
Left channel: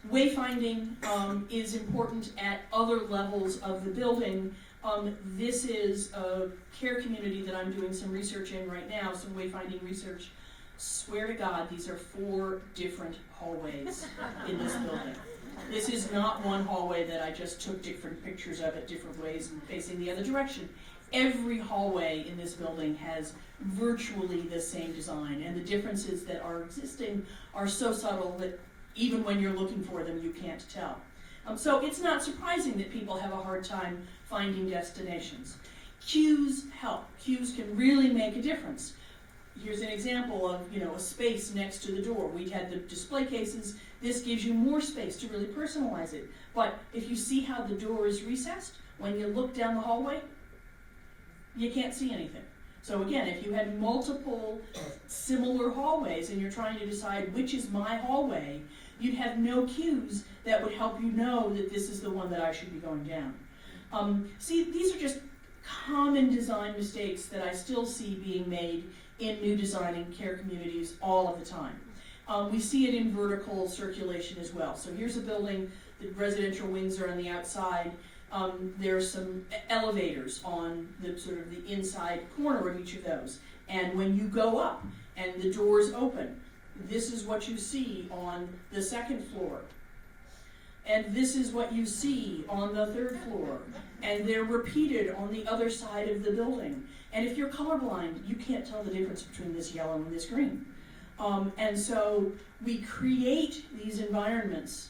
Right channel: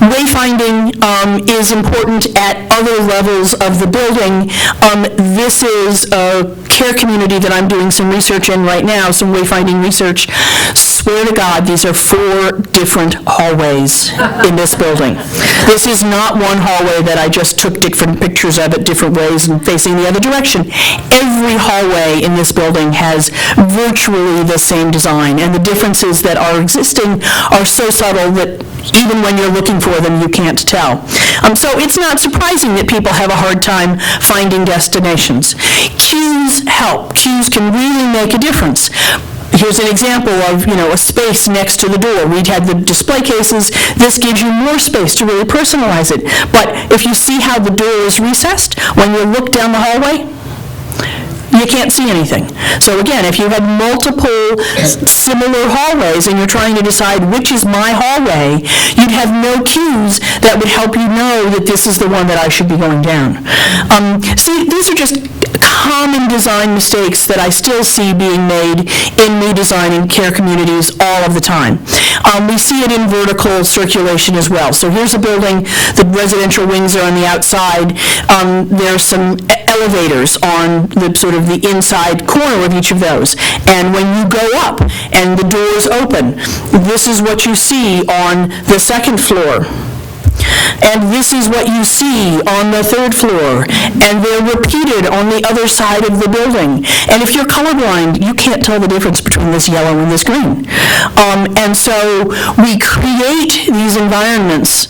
Wayfinding is important at other levels of the building. This is a care community that I'm doing some research in right now, some wayfinding research. Swear to God, these are 4 different hallways in this building. This is not one hallway that I just took different pictures of it different ways and facing the other direction. Every hallway in this building has virtually the same design, and the differences that are existing are so subtle that even when you're looking for them, you can't tell. So it's not surprising that people have a hard time finding destinations. Cues help. Cues can really make a difference. Here's an example of, a space next to the door. We'd had the display cases. This gives you more space to really personalize it. But if you see how the door is recessed, when you look down the hallway, you can't see anything. So again, if you had multiple similar hallways and you're trying to decide which is my hallway, you'd have no cues that would help you know that this is the one that I should be going down. See, these are just common design mistakes that I still see being made in new design in care communities all of the time. We see it in vertical circulation as well. So here's a building, the residential wings are on the outside. There's some elevators on the sort of the inside corner of each of those. And when you go up and the doors open, this is what you see on the second floor. And this is what you see on the third floor, and they're repeated on the other side of the building. And if you're colorblind, you can't tell the difference between this yellow and this green. And so we create these environments,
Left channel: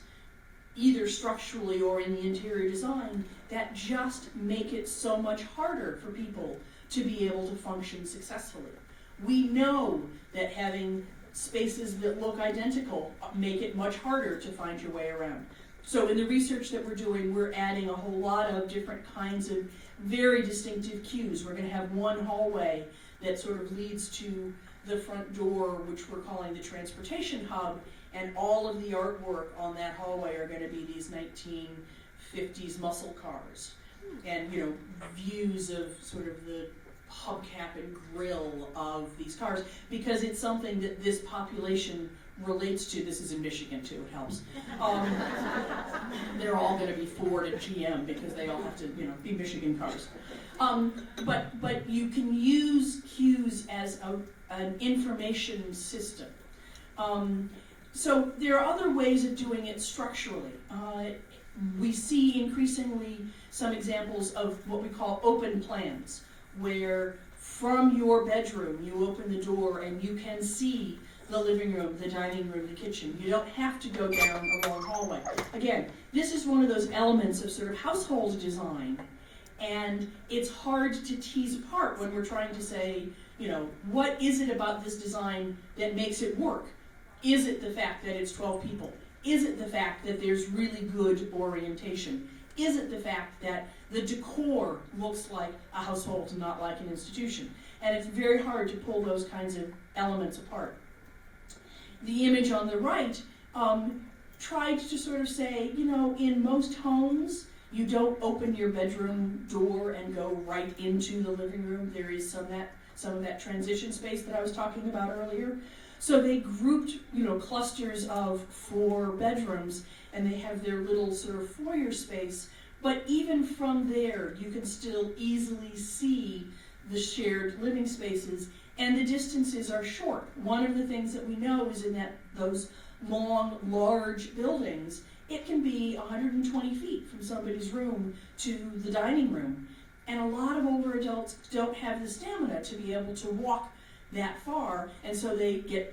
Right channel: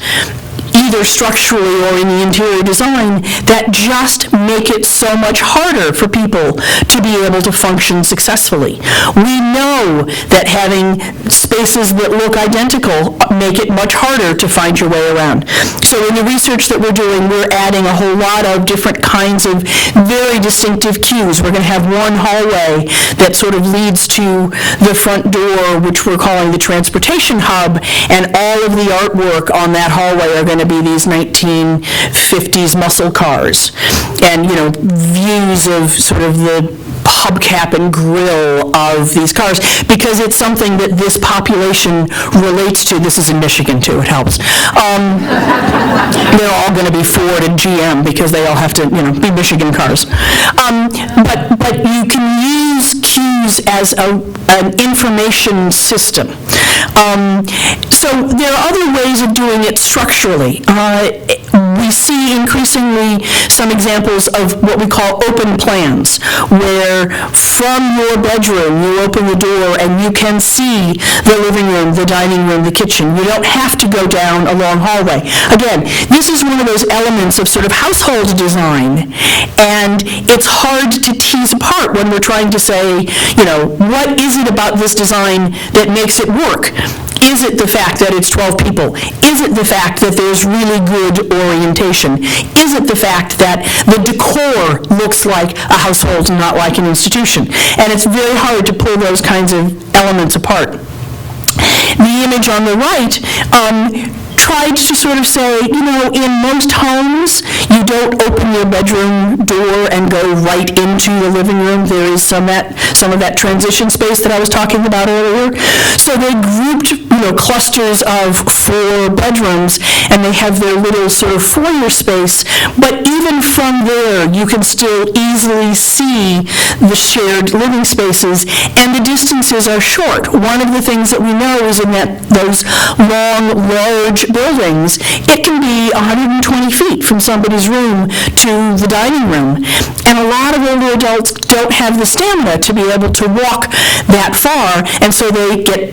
either structurally or in the interior design, that just make it so much harder for people to be able to function successfully. We know that having spaces that look identical make it much harder to find your way around. So in the research that we're doing, we're adding a whole lot of different kinds of very distinctive cues. We're going to have one hallway that sort of leads to the front door, which we're calling the transportation hub, and all of the artwork on that hallway are going to be these 1950s muscle cars and, views of sort of the hubcap and grill of these cars, because it's something that this population relates to. This is in Michigan, too. It helps. They're all going to be Ford and GM because they all have to, be Michigan cars. But you can use cues as an information system. So there are other ways of doing it structurally. We see increasingly some examples of what we call open plans, where from your bedroom you open the door and you can see the living room, the dining room, the kitchen. You don't have to go down a long hallway. Again, this is one of those elements of sort of household design, and it's hard to tease apart when we're trying to say, what is it about this design that makes it work? Is it the fact that it's 12 people? Is it the fact that there's really good orientation? Is it the fact that the decor looks like a household and not like an institution? And it's very hard to pull those kinds of elements apart. The image on the right tried to sort of say, in most homes, you don't open your bedroom door and go right into the living room. There is some of that transition space that I was talking about earlier. So they grouped, clusters of 4 bedrooms, and they have their little sort of foyer space. But even from there, you can still easily see the shared living spaces, and the distances are short. One of the things that we know is in those long, large buildings, it can be 120 feet from somebody's room to the dining room. And a lot of older adults don't have the stamina to be able to walk that far, and so they get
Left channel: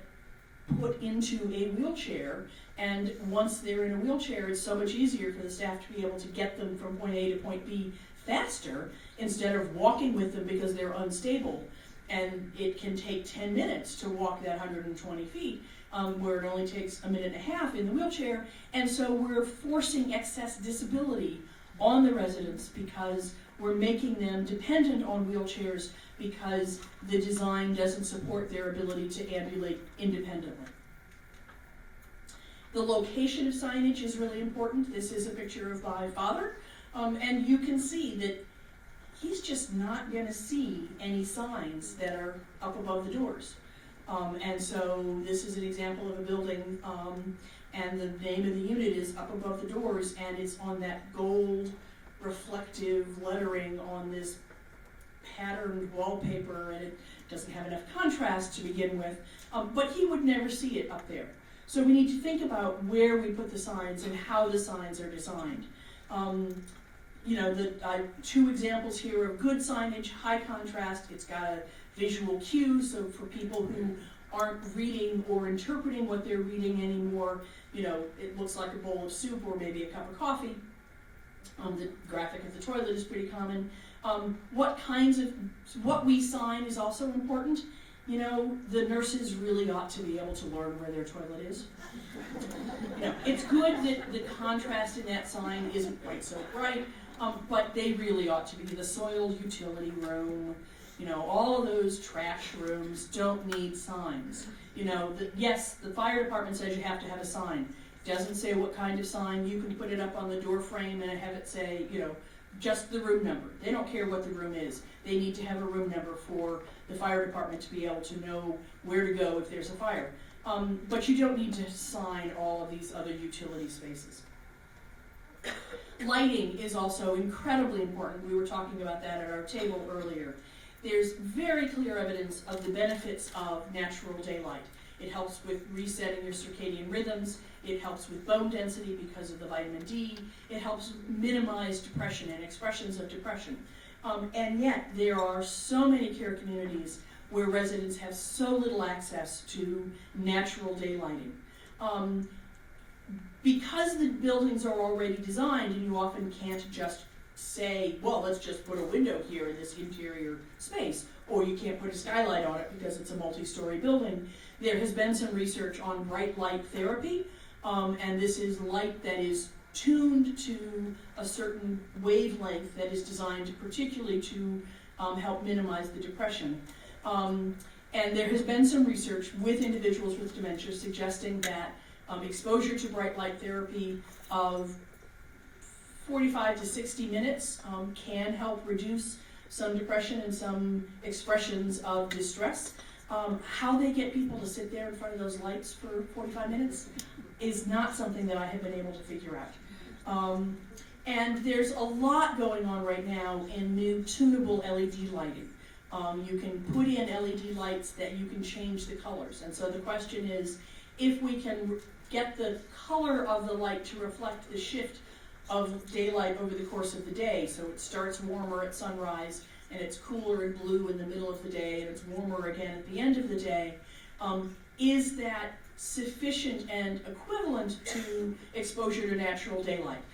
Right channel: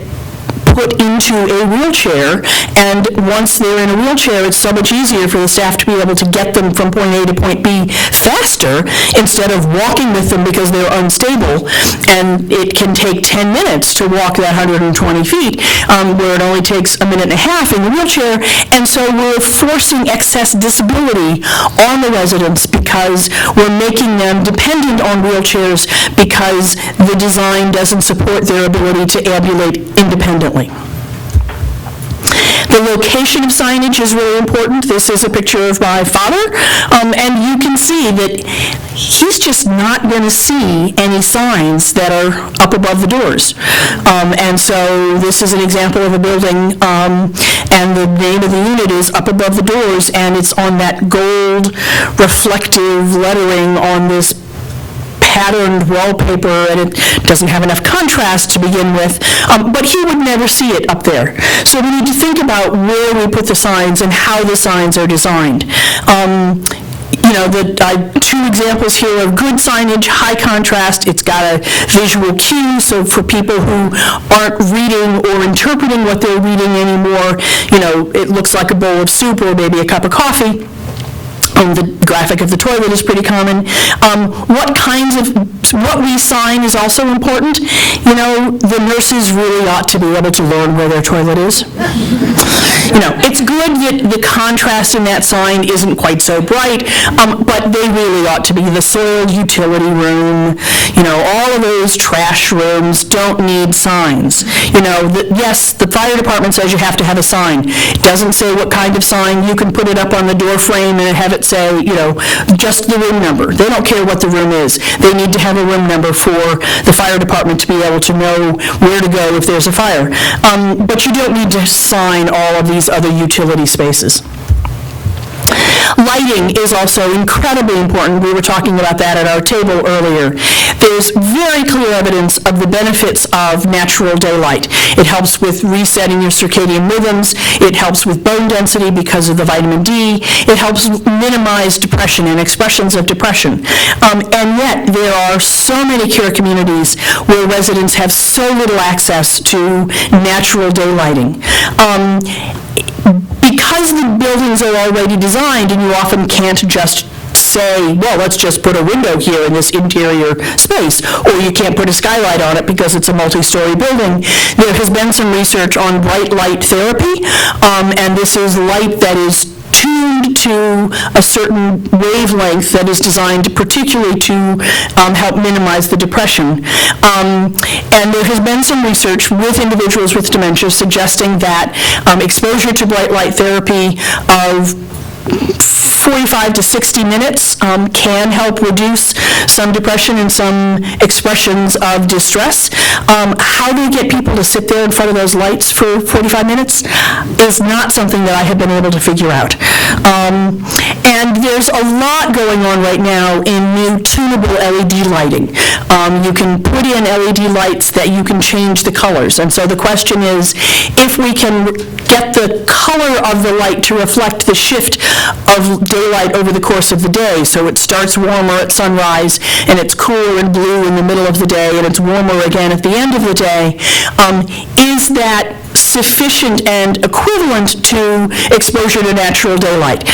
put into a wheelchair, and once they're in a wheelchair, it's so much easier for the staff to be able to get them from point A to point B faster instead of walking with them because they're unstable, and it can take 10 minutes to walk that 120 feet, where it only takes a minute and a half in the wheelchair, and so we're forcing excess disability on the residents because because we're making them dependent on wheelchairs because the design doesn't support their ability to ambulate independently. The location of signage is really important. This is a picture of my father, and you can see that he's just not going to see any signs that are up above the doors. And so this is an example of a building, and the name of the unit is up above the doors, and it's on that gold reflective lettering on this patterned wallpaper, and it doesn't have enough contrast to begin with, but he would never see it up there. So we need to think about where we put the signs and how the signs are designed. Two examples here of good signage, high contrast. It's got a visual cue, so for people who aren't reading or interpreting what they're reading anymore, it looks like a bowl of soup or maybe a cup of coffee. The graphic of the toilet is pretty common. What we sign is also important. The nurses really ought to be able to learn where their toilet is. It's good that the contrast in that sign isn't quite so bright, but they really ought to be. The soiled utility room, all of those trash rooms don't need signs. Yes, the fire department says you have to have a sign. It doesn't say what kind of sign. You can put it up on the door frame and have it say, just the room number. They don't care what the room is. They need to have a room number for the fire department to be able to know where to go if there's a fire. But you don't need to sign all of these other utility spaces. Lighting is also incredibly important. We were talking about that at our table earlier. There's very clear evidence of the benefits of natural daylight. It helps with resetting your circadian rhythms. It helps with bone density because of the vitamin D. It helps minimize depression and expressions of depression. And yet, there are so many care communities where residents have so little access to natural daylighting. Because the buildings are already designed, and you often can't just say, well, let's just put a window here in this interior space, or you can't put a skylight on it because it's a multi-story building. There has been some research on bright light therapy, and this is light that is tuned to a certain wavelength that is designed particularly to help minimize the depression. And there has been some research with individuals with dementia suggesting that exposure to bright light therapy of 45 to 60 minutes can help reduce some depression and some expressions of distress. How do we get people to sit there in front of those lights for 45 minutes is not something that I have been able to figure out. And there's a lot going on right now in new tunable LED lighting. You can put in LED lights that you can change the colors. And so the question is, if we can get the color of the light to reflect the shift of daylight over the course of the day, so it starts warmer at sunrise and it's cooler and blue in the middle of the day and it's warmer again at the end of the day, is that sufficient and equivalent to exposure to natural daylight?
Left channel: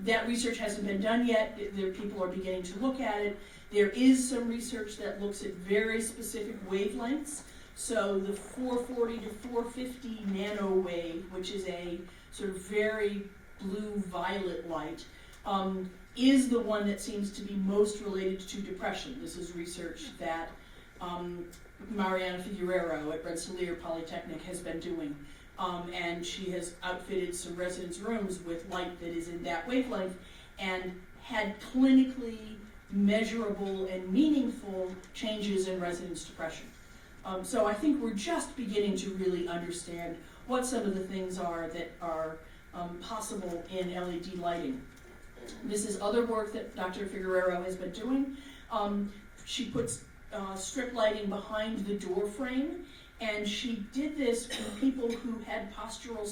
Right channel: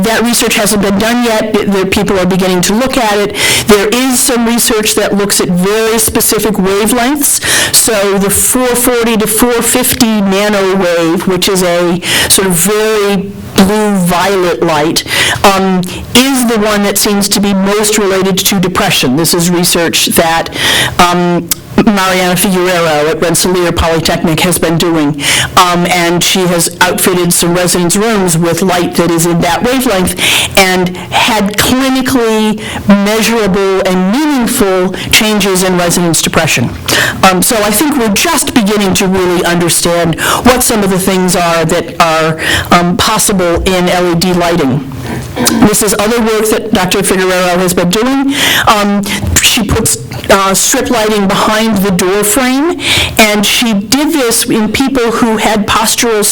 That research hasn't been done yet. People are beginning to look at it. There is some research that looks at very specific wavelengths. So the 440 to 450 nanowave, which is a sort of very blue-violet light, is the one that seems to be most related to depression. This is research that Mariana Figueroa at Rensselaer Polytechnic has been doing, and she has outfitted some residents' rooms with light that is in that wavelength and had clinically measurable and meaningful changes in residents' depression. So I think we're just beginning to really understand what some of the things are that are possible in LED lighting. This is other work that Dr. Figueroa has been doing. She puts strip lighting behind the door frame, and she did this in people who had postural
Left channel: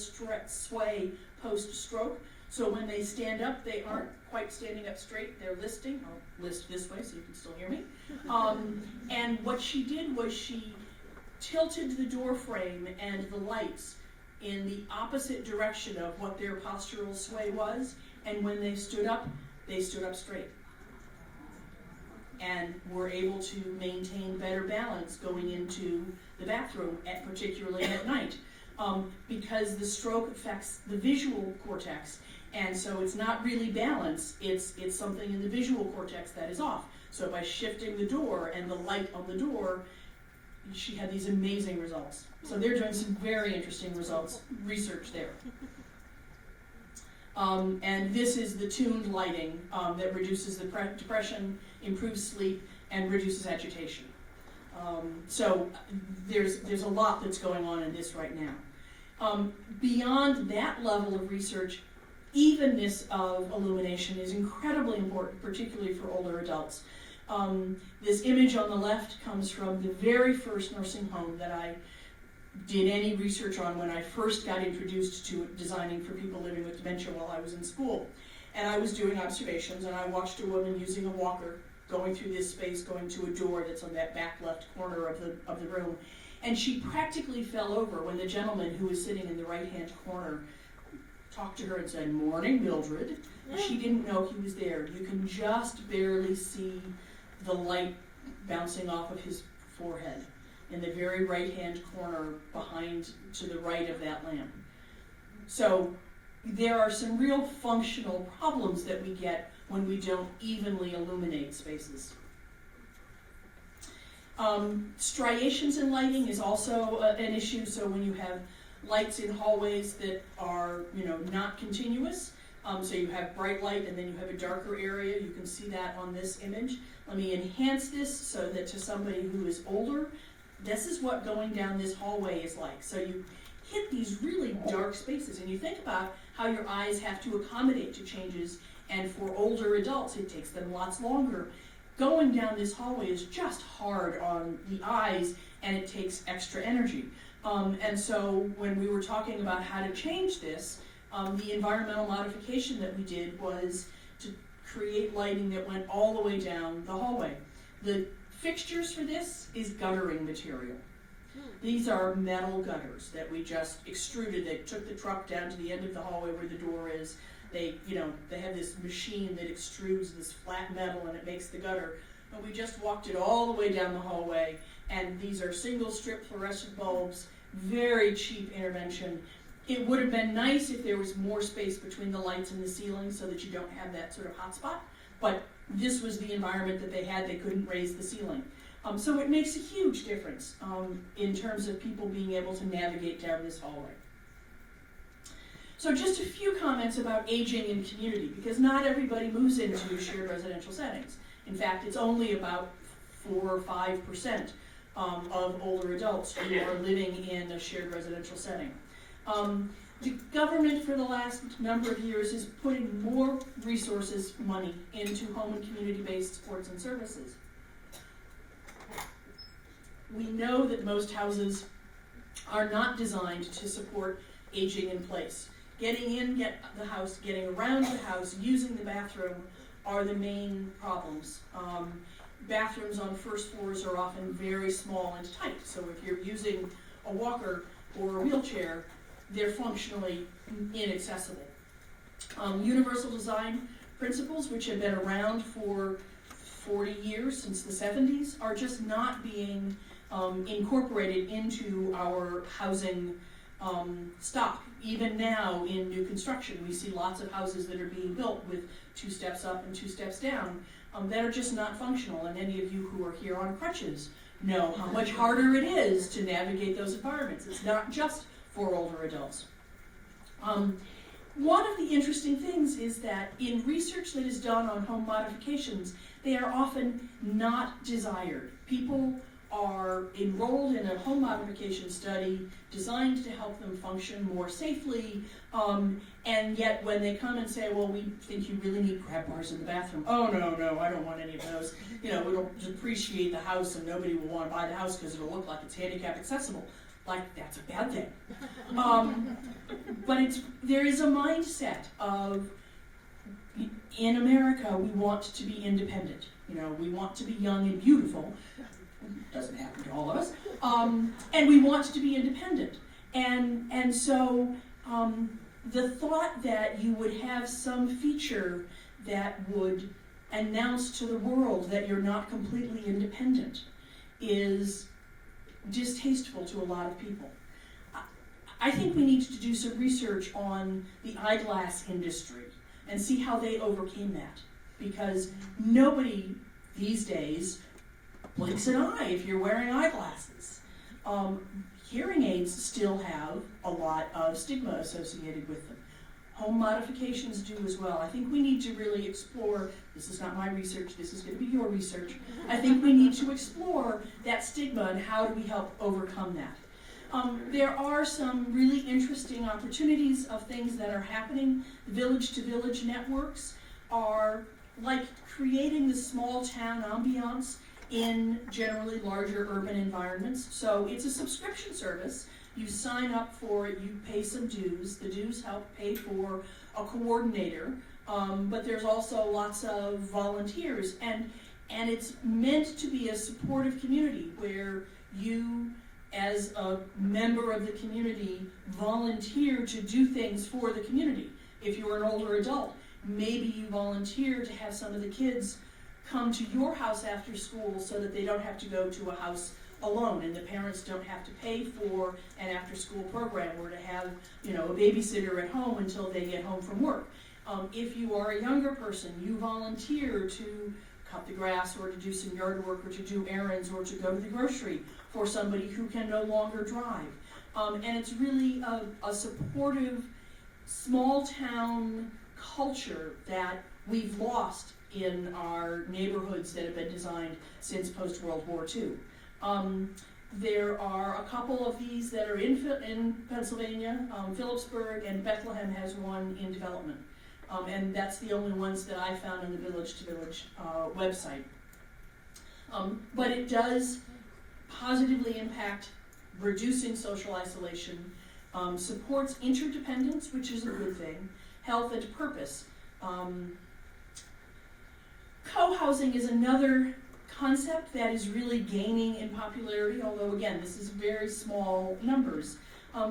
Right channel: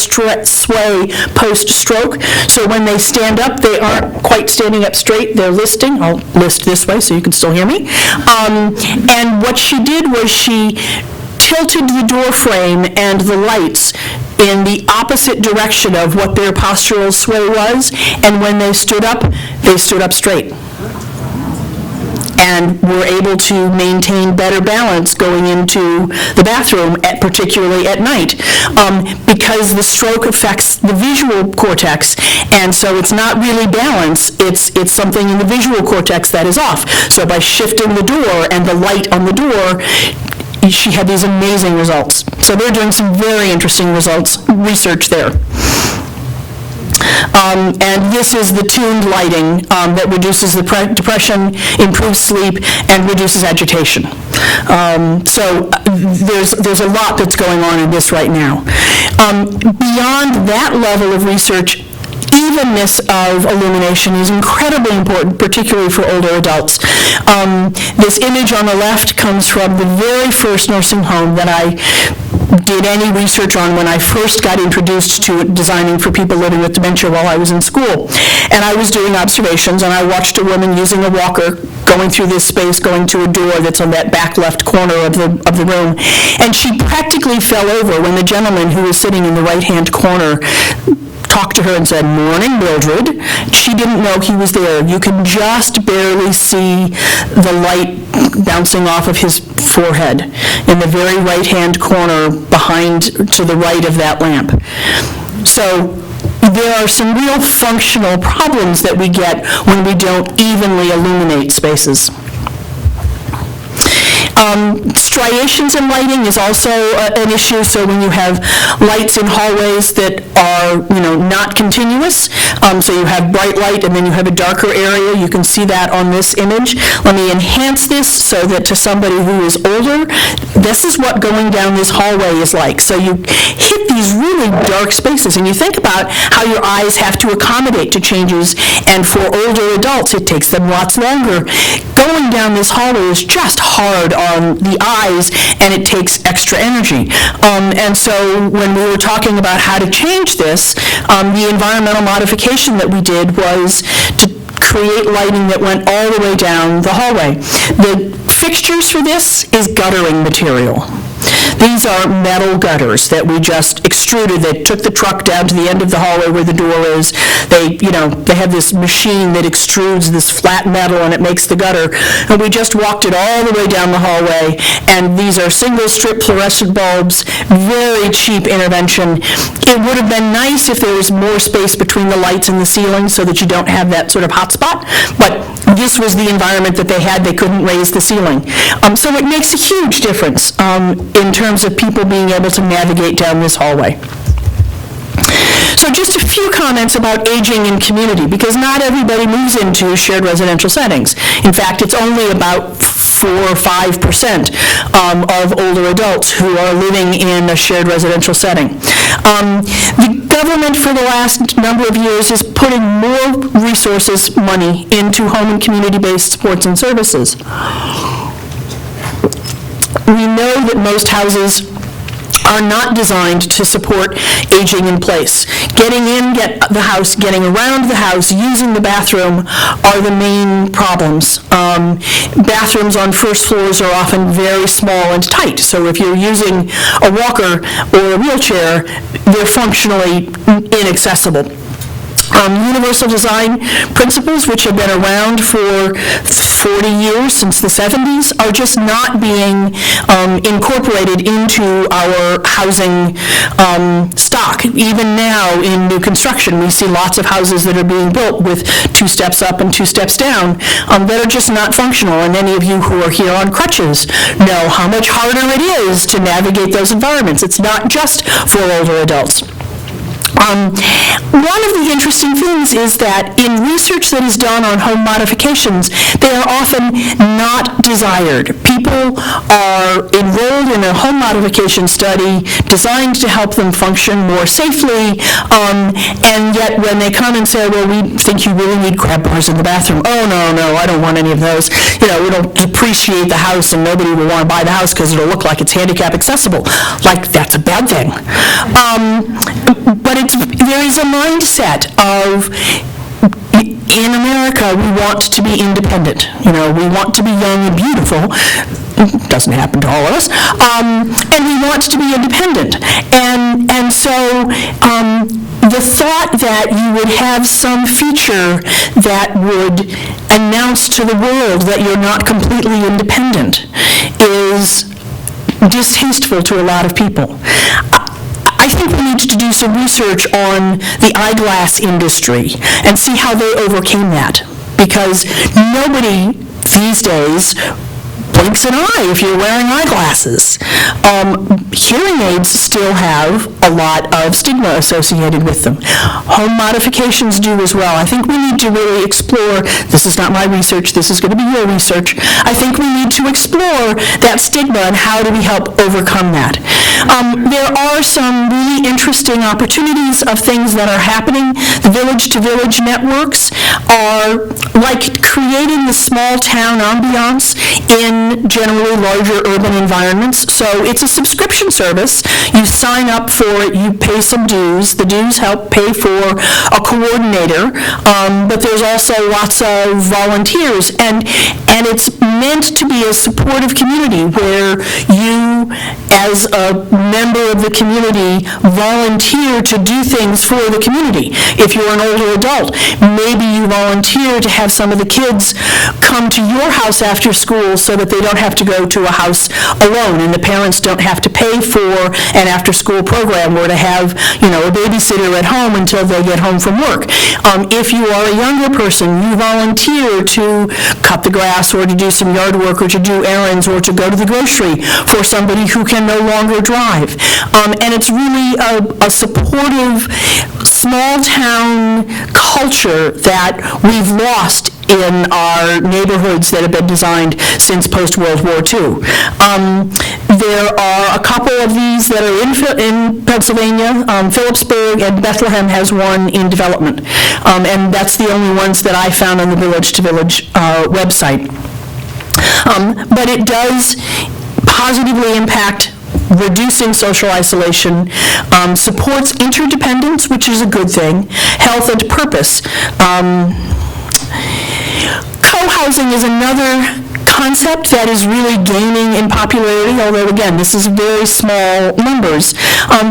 sway post-stroke. So when they stand up, they aren't quite standing up straight, they're listing. I'll list this way so you can still hear me. And what she did was she tilted the door frame and the lights in the opposite direction of what their postural sway was, and when they stood up straight. and we're able to maintain better balance going into the bathroom, particularly at night, because the stroke affects the visual cortex, and so it's not really balance, it's something in the visual cortex that is off. So by shifting the door and the light on the door, she had these amazing results. So they're doing some very interesting research there. And this is the tuned lighting that reduces the depression, improves sleep, and reduces agitation. So there's a lot that's going on in this right now. Beyond that level of research, evenness of illumination is incredibly important, particularly for older adults. This image on the left comes from the very first nursing home that I did any research on when I first got introduced to designing for people living with dementia while I was in school. And I was doing observations, and I watched a woman using a walker going through this space, going to a door that's on that back left corner of the room. And she practically fell over when the gentleman who was sitting in the right-hand corner talked to her and said, "Morning, Mildred." She didn't know he was there. You can just barely see the light bouncing off of his forehead in the very right-hand corner behind, to the right of that lamp. So there are some real functional problems that we get when we don't evenly illuminate spaces. Striations in lighting is also an issue. So when you have lights in hallways that are, not continuous, so you have bright light and then you have a darker area, you can see that on this image. Let me enhance this so that to somebody who is older, this is what going down this hallway is like. So you hit these really dark spaces, and you think about how your eyes have to accommodate to changes, and for older adults, it takes them lots longer. Going down this hallway is just hard on the eyes, and it takes extra energy. And so when we were talking about how to change this, the environmental modification that we did was to create lighting that went all the way down the hallway. The fixtures for this is guttering material. These are metal gutters that we just extruded. They took the truck down to the end of the hallway where the door is. They have this machine that extrudes this flat metal, and it makes the gutter. And we just walked it all the way down the hallway. And these are single strip fluorescent bulbs, very cheap intervention. It would have been nice if there was more space between the lights and the ceiling so that you don't have that sort of hot spot. But this was the environment that they had. They couldn't raise the ceiling. So it makes a huge difference in terms of people being able to navigate down this hallway. So just a few comments about aging in community, because not everybody moves into shared residential settings. In fact, it's only about 4 or 5% of older adults who are living in a shared residential setting. The government for the last number of years is putting more resources, money, into home and community-based supports and services. We know that most houses are not designed to support aging in place. Getting in the house, getting around the house, using the bathroom are the main problems. Bathrooms on first floors are often very small and tight, so if you're using a walker or a wheelchair, they're functionally inaccessible. Universal design principles, which have been around for 40 years, since the 70s, are just not being incorporated into our housing stock. Even now in new construction, we see lots of houses that are being built with 2 steps up and 2 steps down that are just not functional. And any of you who are here on crutches know how much harder it is to navigate those environments. It's not just for older adults. One of the interesting things is that in research that is done on home modifications, they are often not desired. People are enrolled in a home modification study designed to help them function more safely, and yet when they come and say, well, we think you really need grab bars in the bathroom. Oh, no, I don't want any of those. It'll depreciate the house, and nobody will want to buy the house because it'll look like it's handicap accessible. Like, that's a bad thing. But there is a mindset of, in America, we want to be independent. We want to be young and beautiful. It doesn't happen to all of us. And we want to be independent. And so the thought that you would have some feature that would announce to the world that you're not completely independent is distasteful to a lot of people. I think we need to do some research on the eyeglass industry and see how they overcame that, because nobody these days blinks an eye if you're wearing eyeglasses. Hearing aids still have a lot of stigma associated with them. Home modifications do as well. I think we need to really explore, this is not my research, this is going to be your research, I think we need to explore that stigma and how do we help overcome that. There are some really interesting opportunities of things that are happening. The village-to-village networks are like creating the small town ambiance in generally larger urban environments. So it's a subscription service. You sign up for it, you pay some dues. The dues help pay for a coordinator, but there's also lots of volunteers. And it's meant to be a supportive community where you, as a member of the community, volunteer to do things for the community. If you're an older adult, maybe you volunteer to have some of the kids come to your house after school so that they don't have to go to a house alone, and the parents don't have to pay for an after-school program or to have, a babysitter at home until they get home from work. If you are a younger person, you volunteer to cut the grass or to do some yard work or to do errands or to go to the grocery for somebody who can no longer drive. And it's really a supportive, small-town culture that we've lost in our neighborhoods that have been designed since post-World War II. There are a couple of these that are in Pennsylvania. Phillipsburg and Bethlehem has one in development. And that's the only ones that I found on the Village to Village website. But it does positively impact reducing social isolation, supports interdependence, which is a good thing, health and purpose. Co-housing is another concept that is really gaining in popularity, although again, this is very small numbers.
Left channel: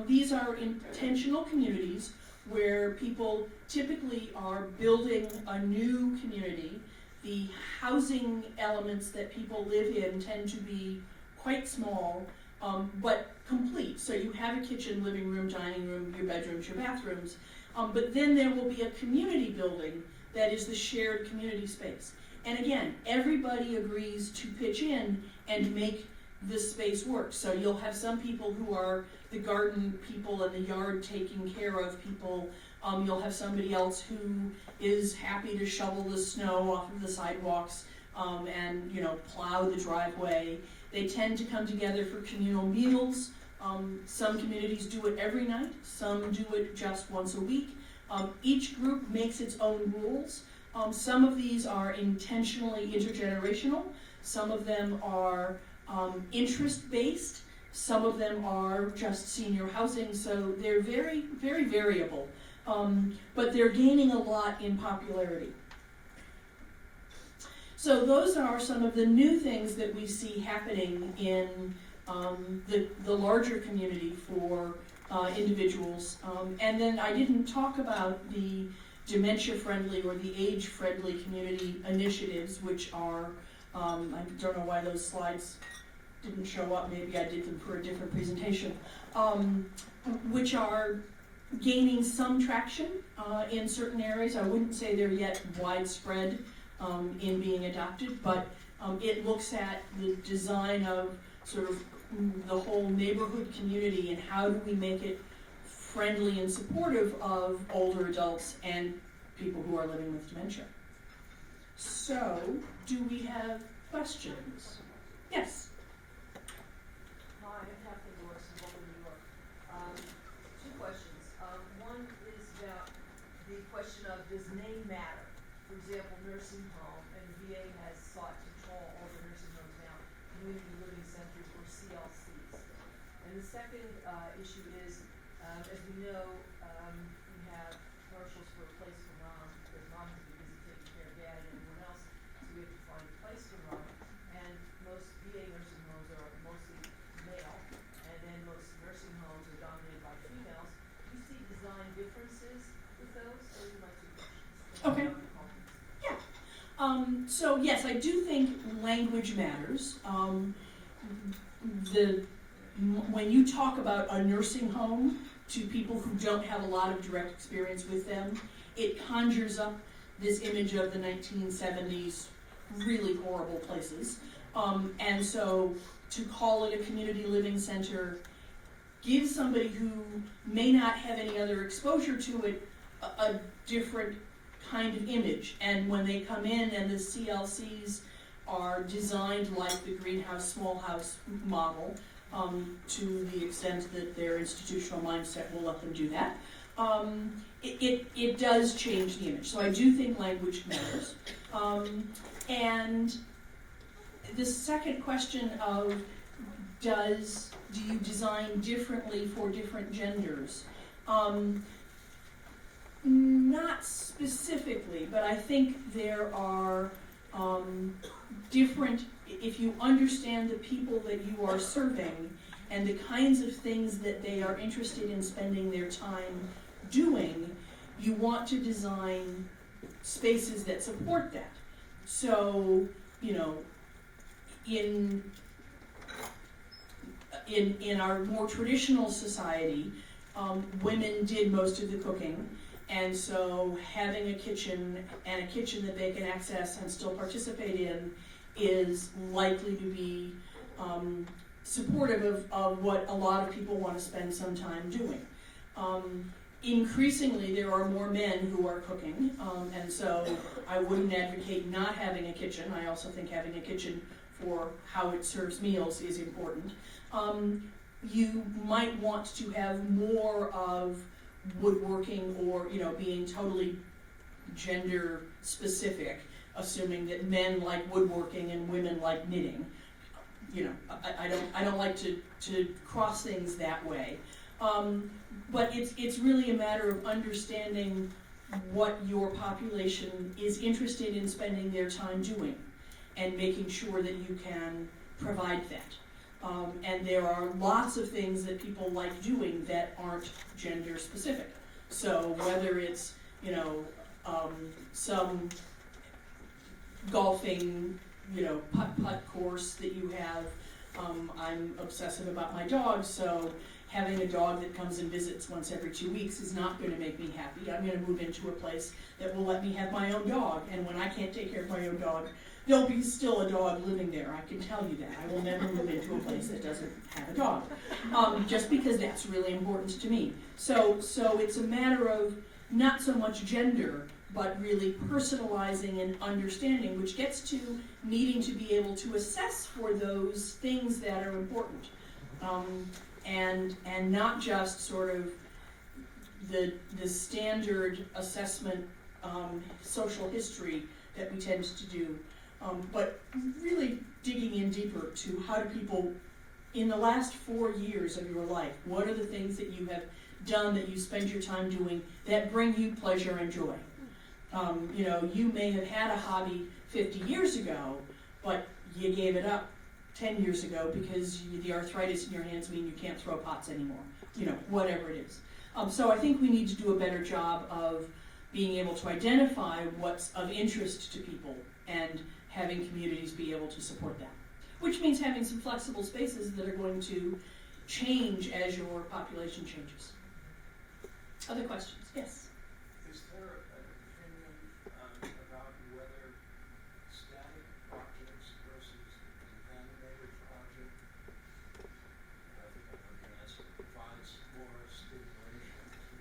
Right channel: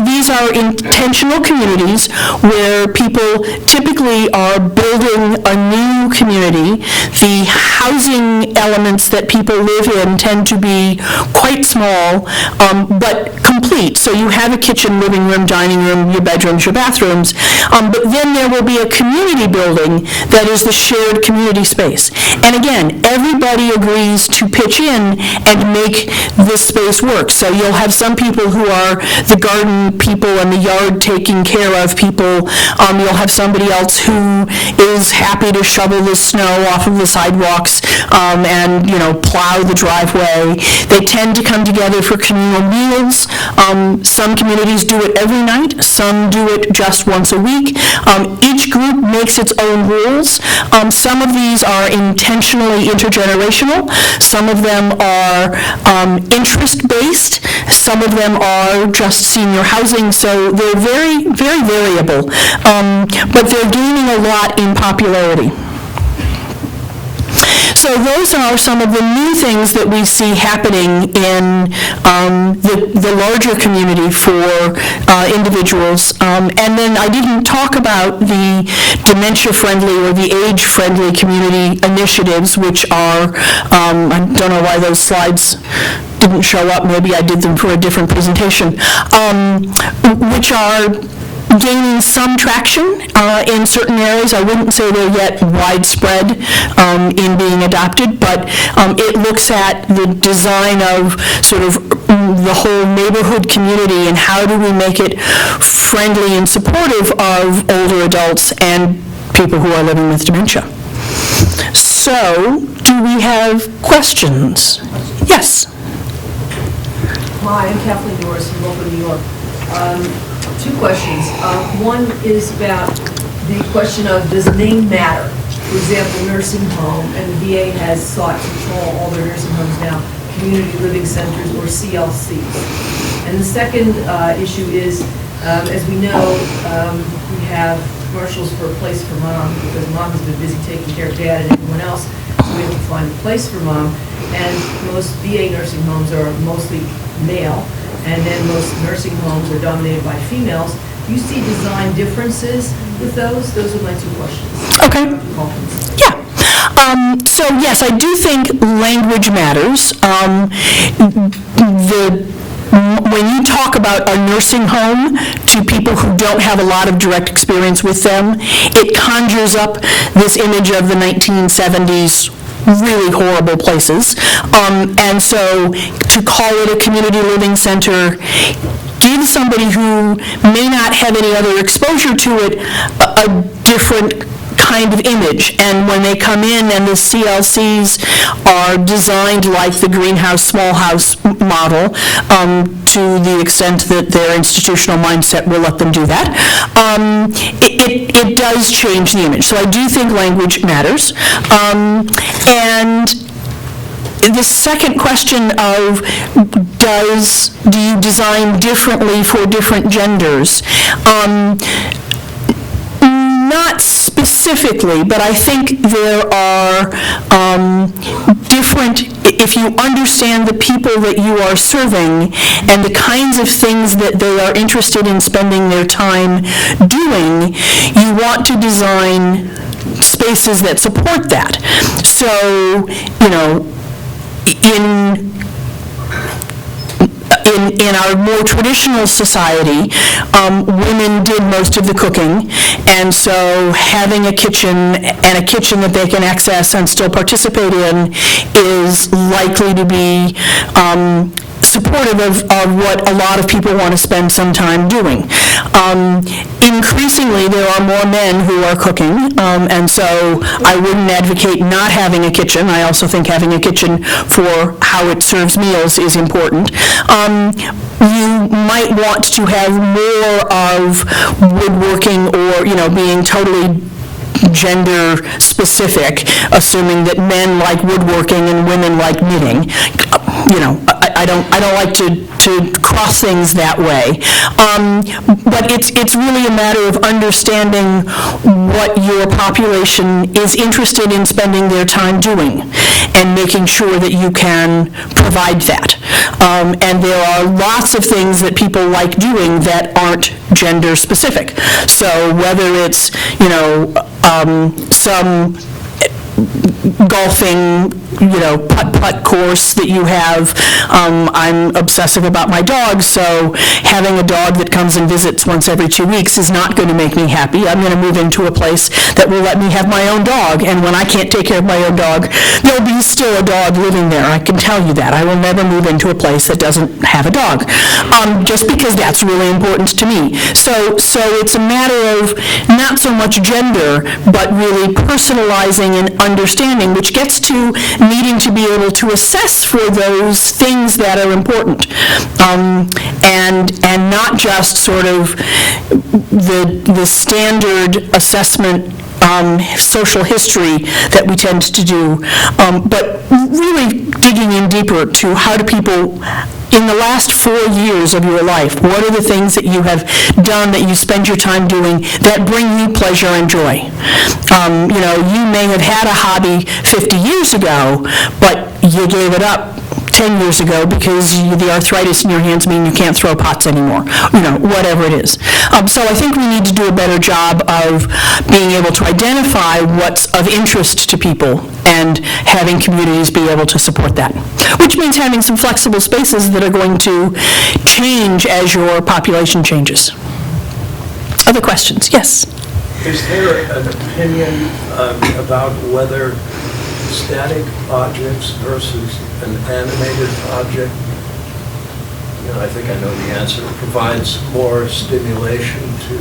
These are intentional communities where people typically are building a new community. The housing elements that people live in tend to be quite small, but complete. So you have a kitchen, living room, dining room, your bedrooms, your bathrooms, but then there will be a community building that is the shared community space. And again, everybody agrees to pitch in and make this space work. So you'll have some people who are the garden people and the yard taking care of people. You'll have somebody else who is happy to shovel the snow off of the sidewalks and plow the driveway. They tend to come together for communal meals. Some communities do it every night. Some do it just once a week. Each group makes its own rules. Some of these are intentionally intergenerational. Some of them are interest-based. Some of them are just senior housing. So they're very, very variable. But they're gaining a lot in popularity. So those are some of the new things that we see happening in the larger community for individuals. And then I didn't talk about the dementia-friendly or the age-friendly community initiatives, which are, I don't know why those slides didn't show up. Maybe I did them for a different presentation, which are gaining some traction in certain areas. I wouldn't say they're yet widespread in being adopted, but it looks at the design of sort of the whole neighborhood community and how do we make it friendly and supportive of older adults and people who are living with dementia. So, do we have questions? Yes? Hi, I'm Kathleen Doris from Local New York. Two questions. One is about the question of, does name matter? For example, nursing home, and the VA has sought to call all their nursing homes now community living centers or CLCs. And the second issue is, as we know, we have commercials for a place for mom because mom has been busy taking care of dad and everyone else, so we have to find a place for mom. And most VA nursing homes are mostly male, and then most nursing homes are dominated by females. Do you see design differences with those? Those are my two questions. Okay. Dr. Calkins. Yeah. So yes, I do think language matters. When you talk about a nursing home to people who don't have a lot of direct experience with them, it conjures up this image of the 1970s really horrible places. And so to call it a community living center gives somebody who may not have any other exposure to it a different kind of image. And when they come in and the CLCs are designed like the greenhouse, small house model, to the extent that their institutional mindset will let them do that, it does change the image. So I do think language matters. And the second question of do you design differently for different genders? Not specifically, but I think there are different, if you understand the people that you are serving and the kinds of things that they are interested in spending their time doing, you want to design spaces that support that. So, you know, in our more traditional society, women did most of the cooking, and so having a kitchen and a kitchen that they can access and still participate in is likely to be supportive of what a lot of people want to spend some time doing. Increasingly, there are more men who are cooking, and so I wouldn't advocate not having a kitchen. I also think having a kitchen for how it serves meals is important. You might want to have more of woodworking or, you know, being totally gender specific, assuming that men like woodworking and women like knitting. You know, I don't like to cross things that way. But it's really a matter of understanding what your population is interested in spending their time doing and making sure that you can provide that. And there are lots of things that people like doing that aren't gender specific. So whether it's, you know, some golfing, you know, putt-putt course that you have. I'm obsessive about my dog, so having a dog that comes and visits once every 2 weeks is not going to make me happy. I'm going to move into a place that will let me have my own dog, and when I can't take care of my own dog, there'll be still a dog living there. I can tell you that. I will never move into a place that doesn't have a dog, just because that's really important to me. So it's a matter of not so much gender, but really personalizing and understanding, which gets to needing to be able to assess for those things that are important, and not just sort of the standard assessment social history that we tend to do, but really digging in deeper to how do people, in the last 4 years of your life, what are the things that you have done that you spend your time doing that bring you pleasure and joy? You know, you may have had a hobby 50 years ago, but you gave it up 10 years ago because the arthritis in your hands mean you can't throw pots anymore, you know, whatever it is. So I think we need to do a better job of being able to identify what's of interest to people and having communities be able to support that, which means having some flexible spaces that are going to change as your population changes. Other questions? Yes? Is there an opinion about whether static objects versus an animated object, you know, I think I know the answer, provides more stimulation to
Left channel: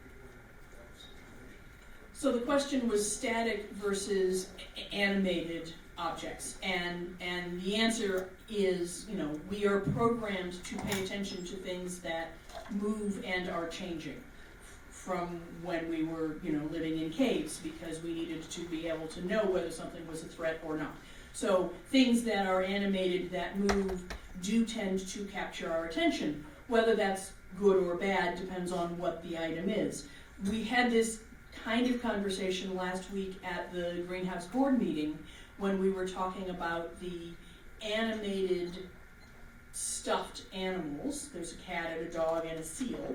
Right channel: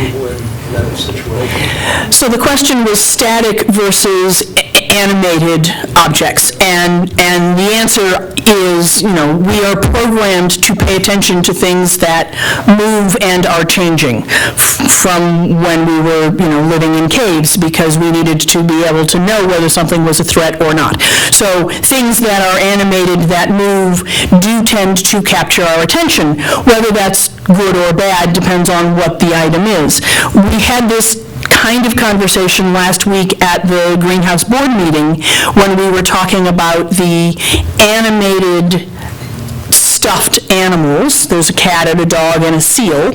people in that situation? So the question was static versus animated objects, and the answer is, you know, we are programmed to pay attention to things that move and are changing from when we were, you know, living in caves, because we needed to be able to know whether something was a threat or not. So things that are animated, that move, do tend to capture our attention. Whether that's good or bad depends on what the item is. We had this kind of conversation last week at the Greenhouse Board meeting when we were talking about the animated stuffed animals animals, there's a cat and a dog and a seal,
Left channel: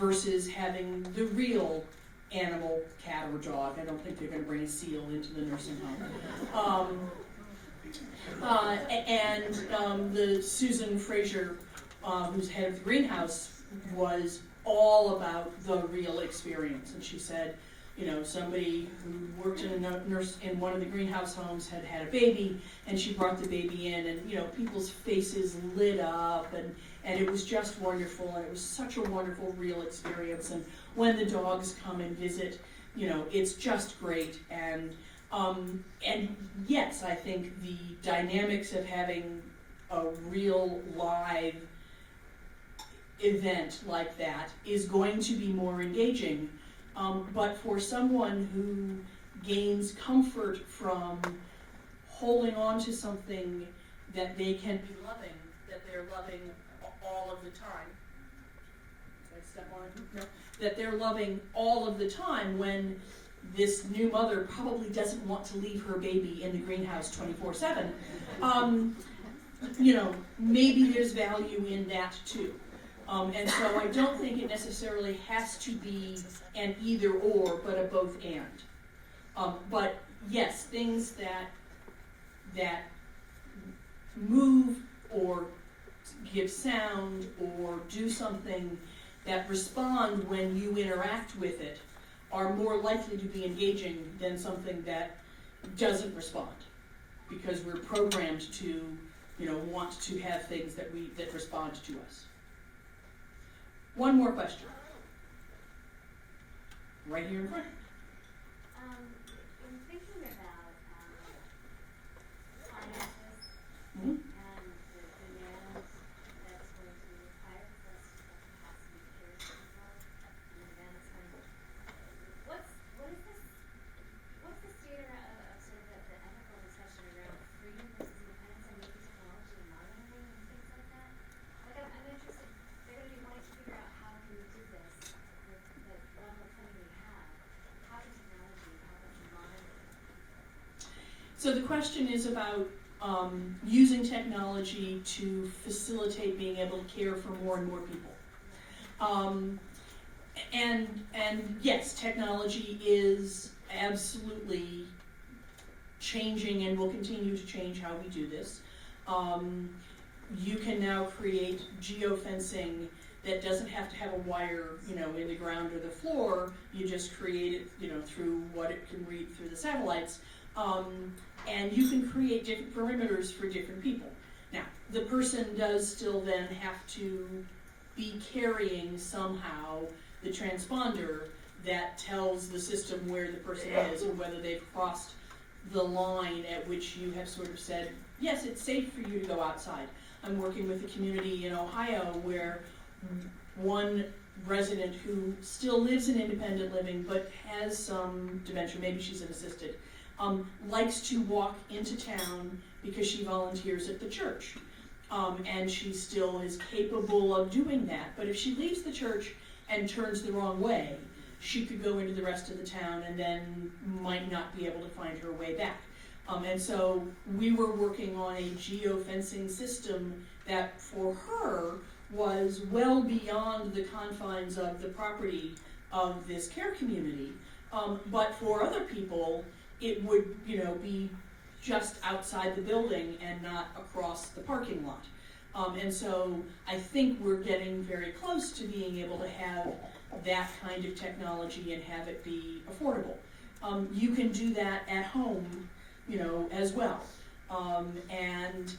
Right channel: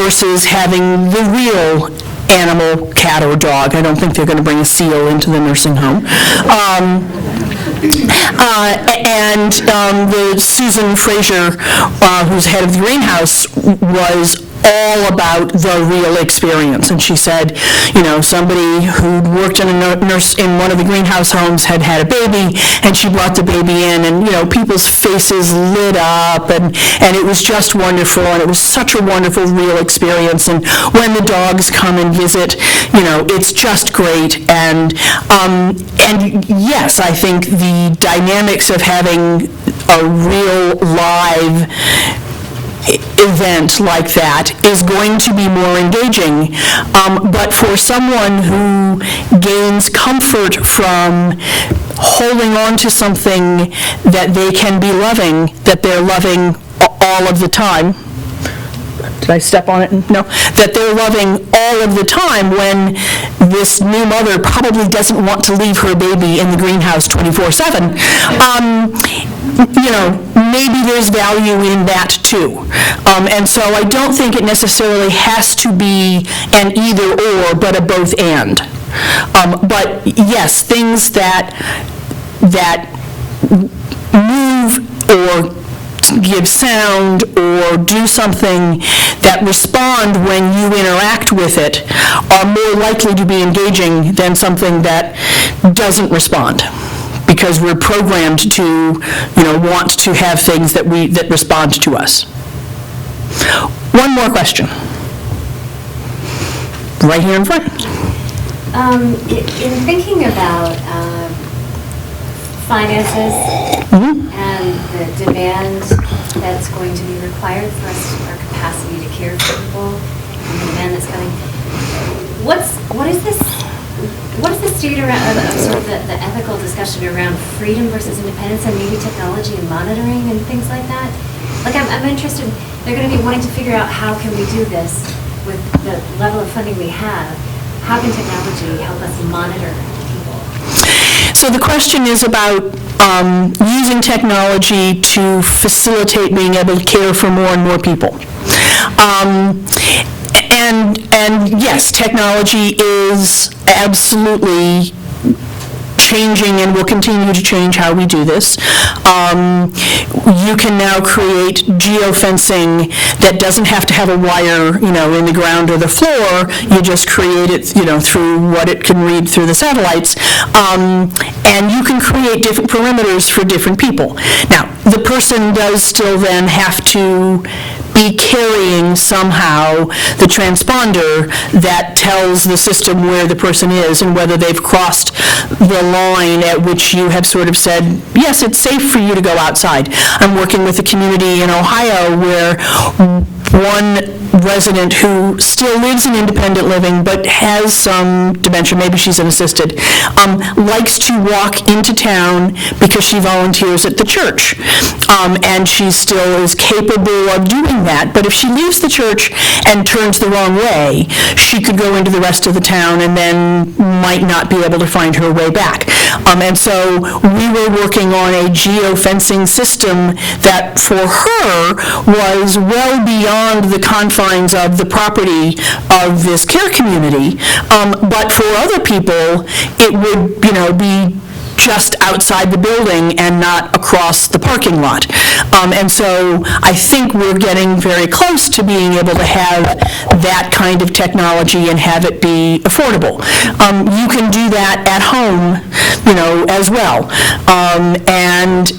versus having the real animal, cat or dog. I don't think they're going to bring a seal into the nursing home. The Susan Fraser, who's head of the greenhouse, was all about the real experience. And she said, somebody who'd worked in a nurse in one of the greenhouse homes had a baby, and she brought the baby in, and, people's faces lit up, and it was just wonderful, and it was such a wonderful, real experience. And when the dogs come and visit, it's just great. And yes, I think the dynamics of having a real live event like that is going to be more engaging. But for someone who gains comfort from holding on to something that they can be loving, that they're loving all of the time, did I step on it? No. That they're loving all of the time when this new mother probably doesn't want to leave her baby in the greenhouse 24/7. Maybe there's value in that too. And so I don't think it necessarily has to be an either or, but a both and. But yes, things that move or give sound or do something that respond when you interact with it are more likely to be engaging than something that doesn't respond, because we're programmed to, want to have things that respond to us. One more question. Right here in front. In thinking about finances and the demand that's going to be required for us, our capacity to care for people, and the demand that's coming, what is the state around of sort of the ethical discussion around freedom versus independence and maybe technology and monitoring and things like that? Like, I'm interested, they're going to be wanting to figure out how can we do this with the level of funding we have. How can technology help us monitor people? So the question is about using technology to facilitate being able to care for more and more people. And yes, technology is absolutely changing and will continue to change how we do this. You can now create geofencing that doesn't have to have a wire, in the ground or the floor. You just create it, through what it can read through the satellites. And you can create different perimeters for different people. Now, the person does still then have to be carrying somehow the transponder that tells the system where the person is and whether they've crossed the line at which you have sort of said, yes, it's safe for you to go outside. I'm working with a community in Ohio where one resident who still lives in independent living but has some dementia, maybe she's an assisted, likes to walk into town because she volunteers at the church. And she still is capable of doing that. But if she leaves the church and turns the wrong way, she could go into the rest of the town and then might not be able to find her way back. And so we were working on a geofencing system that for her was well beyond the confines of the property of this care community. But for other people, it would, be just outside the building and not across the parking lot. And so I think we're getting very close to being able to have that kind of technology and have it be affordable. You can do that at home, as well. And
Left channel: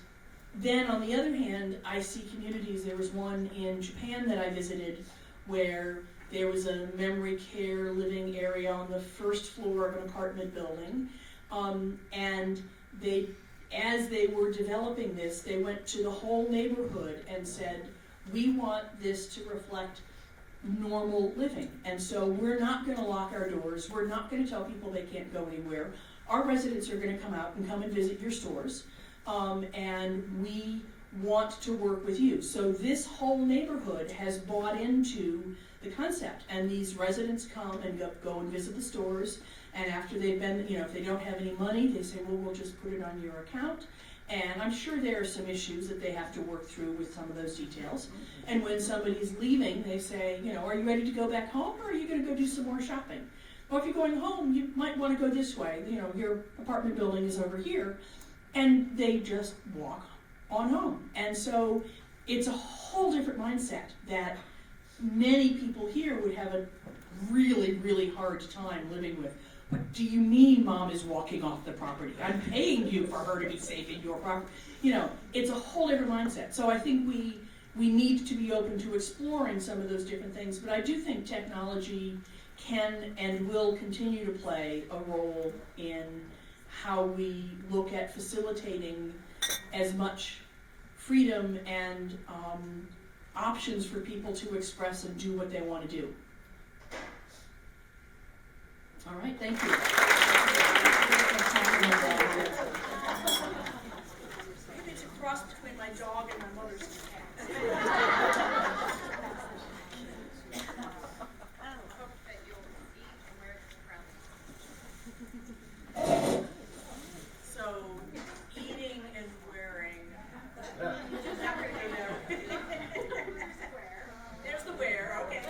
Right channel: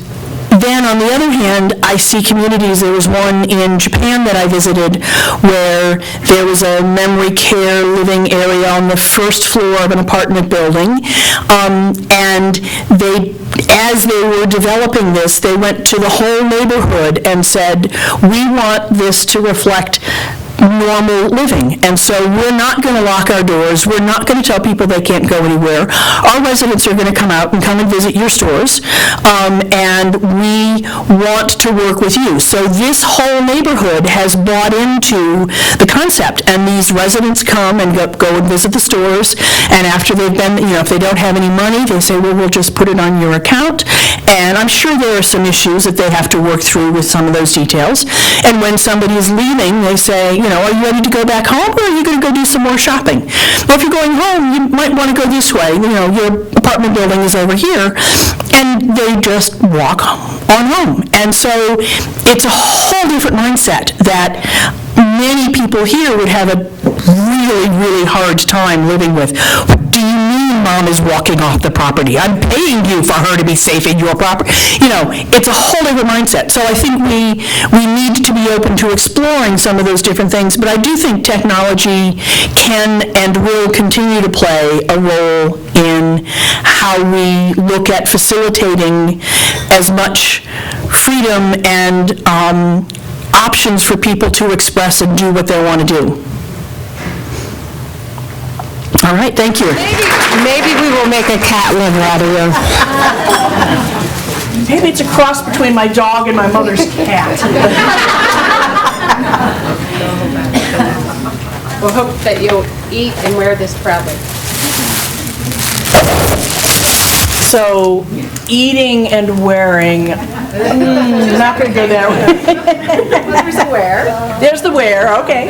then, on the other hand, I see communities. There was one in Japan that I visited where there was a memory care living area on the first floor of an apartment building. And as they were developing this, they went to the whole neighborhood and said, we want this to reflect normal living. And so we're not going to lock our doors. We're not going to tell people they can't go anywhere. Our residents are going to come out and come and visit your stores. And we want to work with you. So this whole neighborhood has bought into the concept. And these residents come and go and visit the stores. And after they've been, if they don't have any money, they say, well, we'll just put it on your account. And I'm sure there are some issues that they have to work through with some of those details. And when somebody is leaving, they say, are you ready to go back home, or are you going to go do some more shopping? Well, if you're going home, you might want to go this way. Your apartment building is over here. And they just walk on home. And so it's a whole different mindset that many people here would have a really, really hard time living with. What do you mean Mom is walking off the property? I'm paying you for her to be safe in your property. It's a whole different mindset. So I think we need to be open to exploring some of those different things, but I do think technology can and will continue to play a role in how we look at facilitating as much freedom and options for people to express and do what they want to do. All right, thank you. Maybe we will make a cat lover out of you. Maybe it's a cross between my dog and my mother's cat. We'll hope that you'll eat and wear this proudly. So, eating and wearing, not going to go there. There's the wear. There's the wear, okay.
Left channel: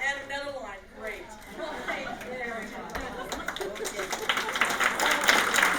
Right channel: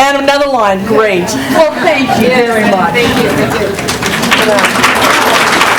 And another line, great. Well, thank you very much. Thank you.